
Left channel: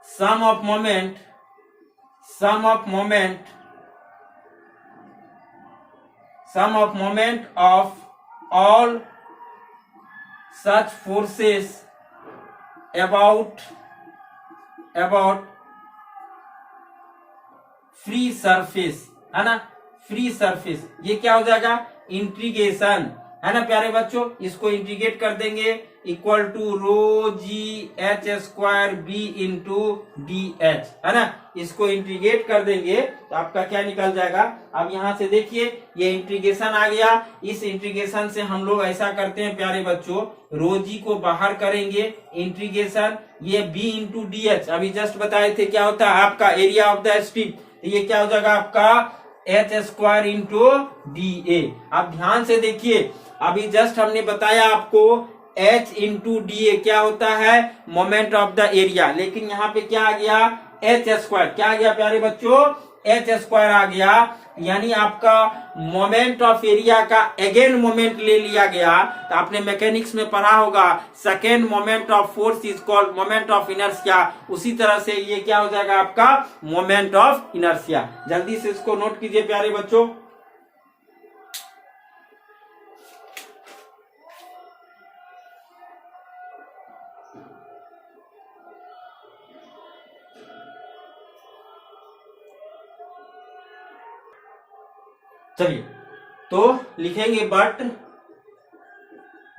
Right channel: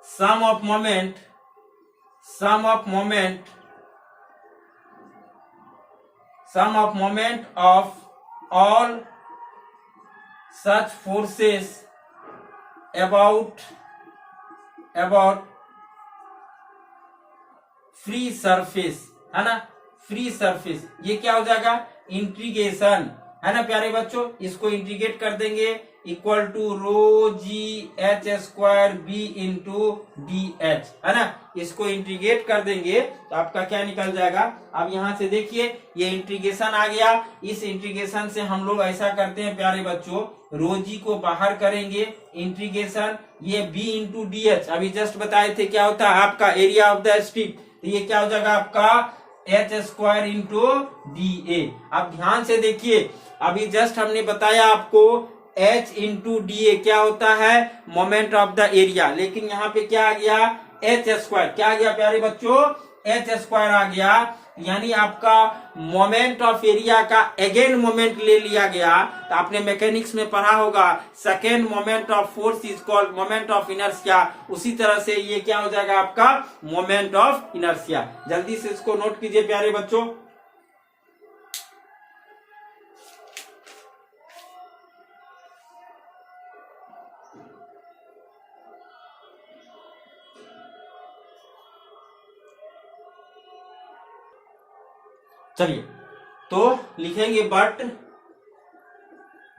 sum of moment of all such forces about free surface, है ना। फ्री सरफेस ये क्या हो जाएगा, इंटीग्रेशन, है ना प्यारे बच्चों। इसको इंटीग्रेट कर देंगे equal to rho G H square B into D H, है ना। इसको इंटीग्रेट कर देंगे तो आपका क्या निकल जाएगा। अब यहाँ से देखिए ये इंटीग्रेशन आ गया, इस इंटीग्रेशन से हम लोग ऐसा करते हैं प्यारे बच्चों, रो जी को बाहर करेंगे, इंटीग्रेशन ये बी इंटू डी एच अभी जस्ट बताए थे क्या होता है आपका एरिया ऑफ द स्ट्रिप। तो ये क्या हो जाएगा आपका एच स्क्वायर इंटू डी ए। अब ध्यान से देखिए अभी जस्ट हमने बताया आपको H इंटू डी ए क्या होता है, मोमेंट ऑफ द एरिया, लेकिन यहाँ पे क्या आ गया एच स्क्वायर, क्या आ गया प्यारे बच्चों एच स्क्वायर आ गया, यानी आपका मोमेंट ऑफ एरिया का अगेन मोमेंट ले लिया गया। तो आपने मैकेनिक्स में पढ़ा होगा second moment of force is called moment of inertia, उसी तरह से ये क्या हो जाएगा आपका मोमेंट ऑफ इनर्शिया। जल्दी से इसको नोट कीजिए प्यारे बच्चों। चलिए तो लिखेंगे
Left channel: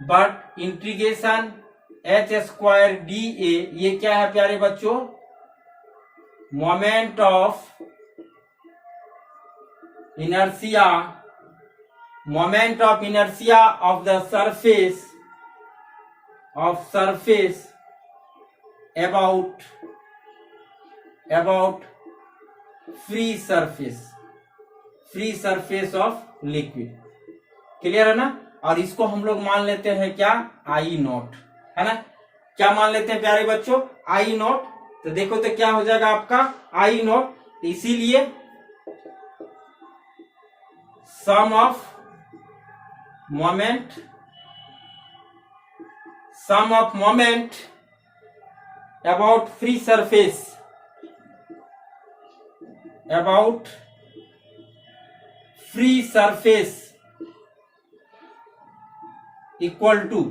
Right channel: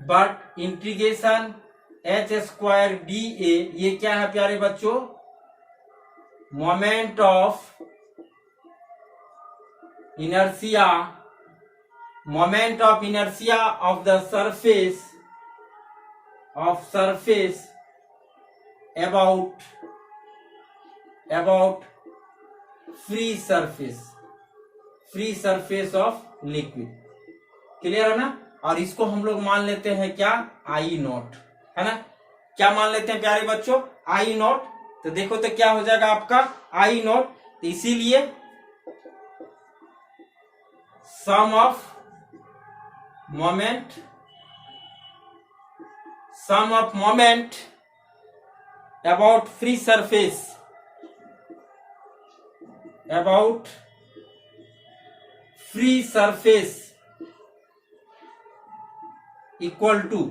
but integration H square D A ये क्या है प्यारे बच्चों, moment of inertia of the surface about free surface of liquid। Clear है ना। और इसको हम लोग मान लेते हैं क्या, आई नॉट, है ना। क्या मान लेते हैं प्यारे बच्चों, आई नॉट। तो देखो तो क्या हो जाएगा आपका आई नॉट। तो इसीलिए sum of moment about free surface equal to,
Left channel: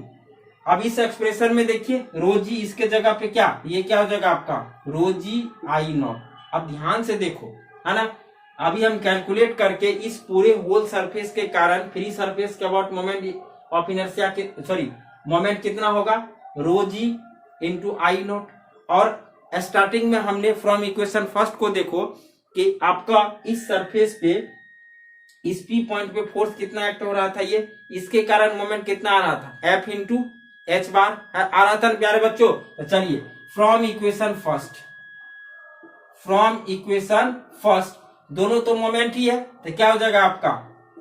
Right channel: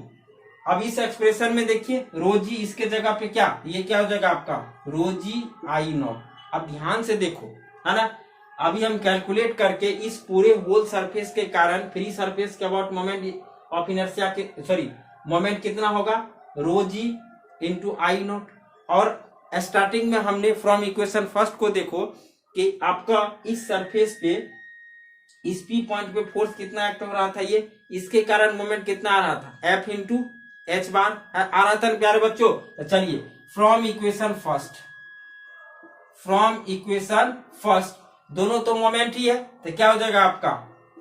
अब इस एक्सप्रेशन में देखिए रो जी, इसके जगह पे क्या, ये क्या हो जाएगा आपका रो जी आई नॉट। अब ध्यान से देखो, है ना। अभी हम कैलकुलेट करके इस पूरे होल सरफेस के कारण फ्री सरफेस के अबाउट मोमेंट ऑफ इनर्शिया के मोमेंट कितना होगा, रो जी इंटू आई नॉट। और स्टार्टिंग में हमने फ्रॉम इक्वेशन फर्स्ट को देखो कि आपका इस सरफेस पे इस पी पॉइंट पे फोर्स कितना एक्ट हो रहा था, ये इसके कारण मोमेंट कितना आ रहा था, एफ इंटू एच बार आ रहा था प्यारे बच्चों। तो चलिए फ्रॉम इक्वेशन फर्स्ट दोनों तो मोमेंट ही है, तो क्या हो जाएगा आपका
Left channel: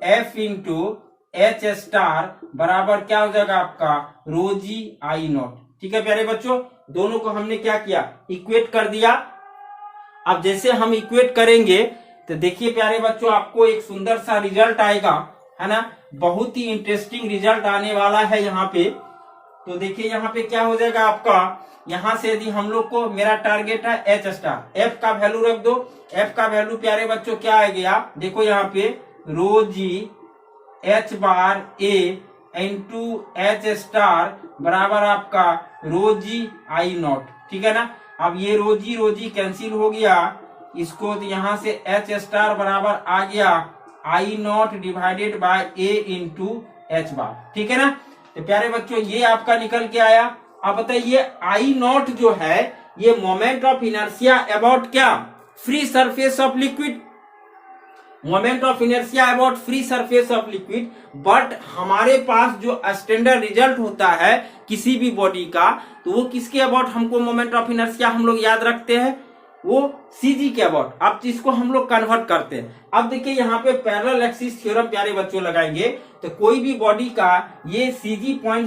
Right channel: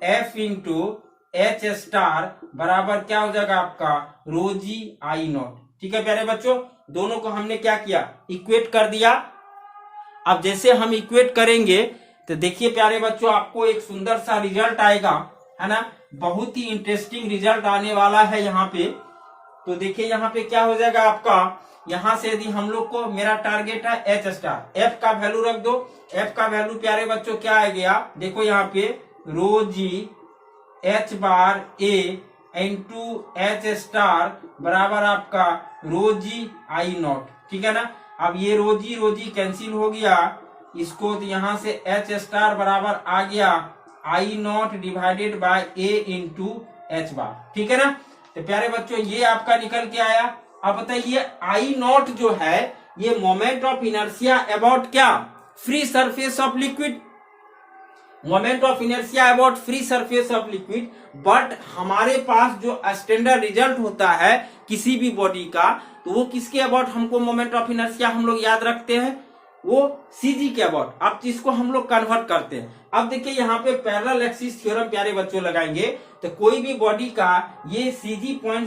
एफ इंटू एच स्टार बराबर क्या हो जाएगा आपका रो जी आई नॉट। ठीक है प्यारे बच्चों, दोनों को हमने क्या किया, इक्वेट कर दिया। अब जैसे हम इक्वेट करेंगे तो देखिए प्यारे बच्चों, आपको एक सुंदर सा रिजल्ट आएगा, है ना। बहुत ही इंटरेस्टिंग रिजल्ट आने वाला है यहाँ पे। तो देखिए यहाँ पे क्या हो जाएगा आपका, यहाँ से यदि हम लोग को, मेरा टारगेट है एच स्टार, एफ का वैल्यू रख दो। एफ का वैल्यू प्यारे बच्चों क्या आ गया, देखो यहाँ पे रो जी एच बार ए इंटू एच स्टार बराबर आपका रो जी आई नॉट। ठीक है ना। अब ये रो जी कैंसिल हो गया, इसको तो यहाँ से एच स्टार बराबर आ गया I naught divided by A into H bar. ठीक है ना। तो प्यारे बच्चों ये आपका निकल के आया। अब बताइए आई नॉट जो है ये मोमेंट ऑफ इनर्शिया अबाउट क्या, free surface of liquid, moment of inertia about free surface of liquid. But हमारे पास जो स्टैंडर्ड रिजल्ट होता है किसी भी बॉडी का, तो वो किसके अबाउट हमको मोमेंट ऑफ इनर्शिया हम लोग याद रखते हैं, वो सीजी के अबाउट। अब इसको हम लोग कन्वर्ट करते हैं। अब देखिए यहाँ पे पैरेलल एक्सिस थ्योरम प्यारे बच्चों लगाएंगे, तो कोई भी बॉडी का ये सीजी पॉइंट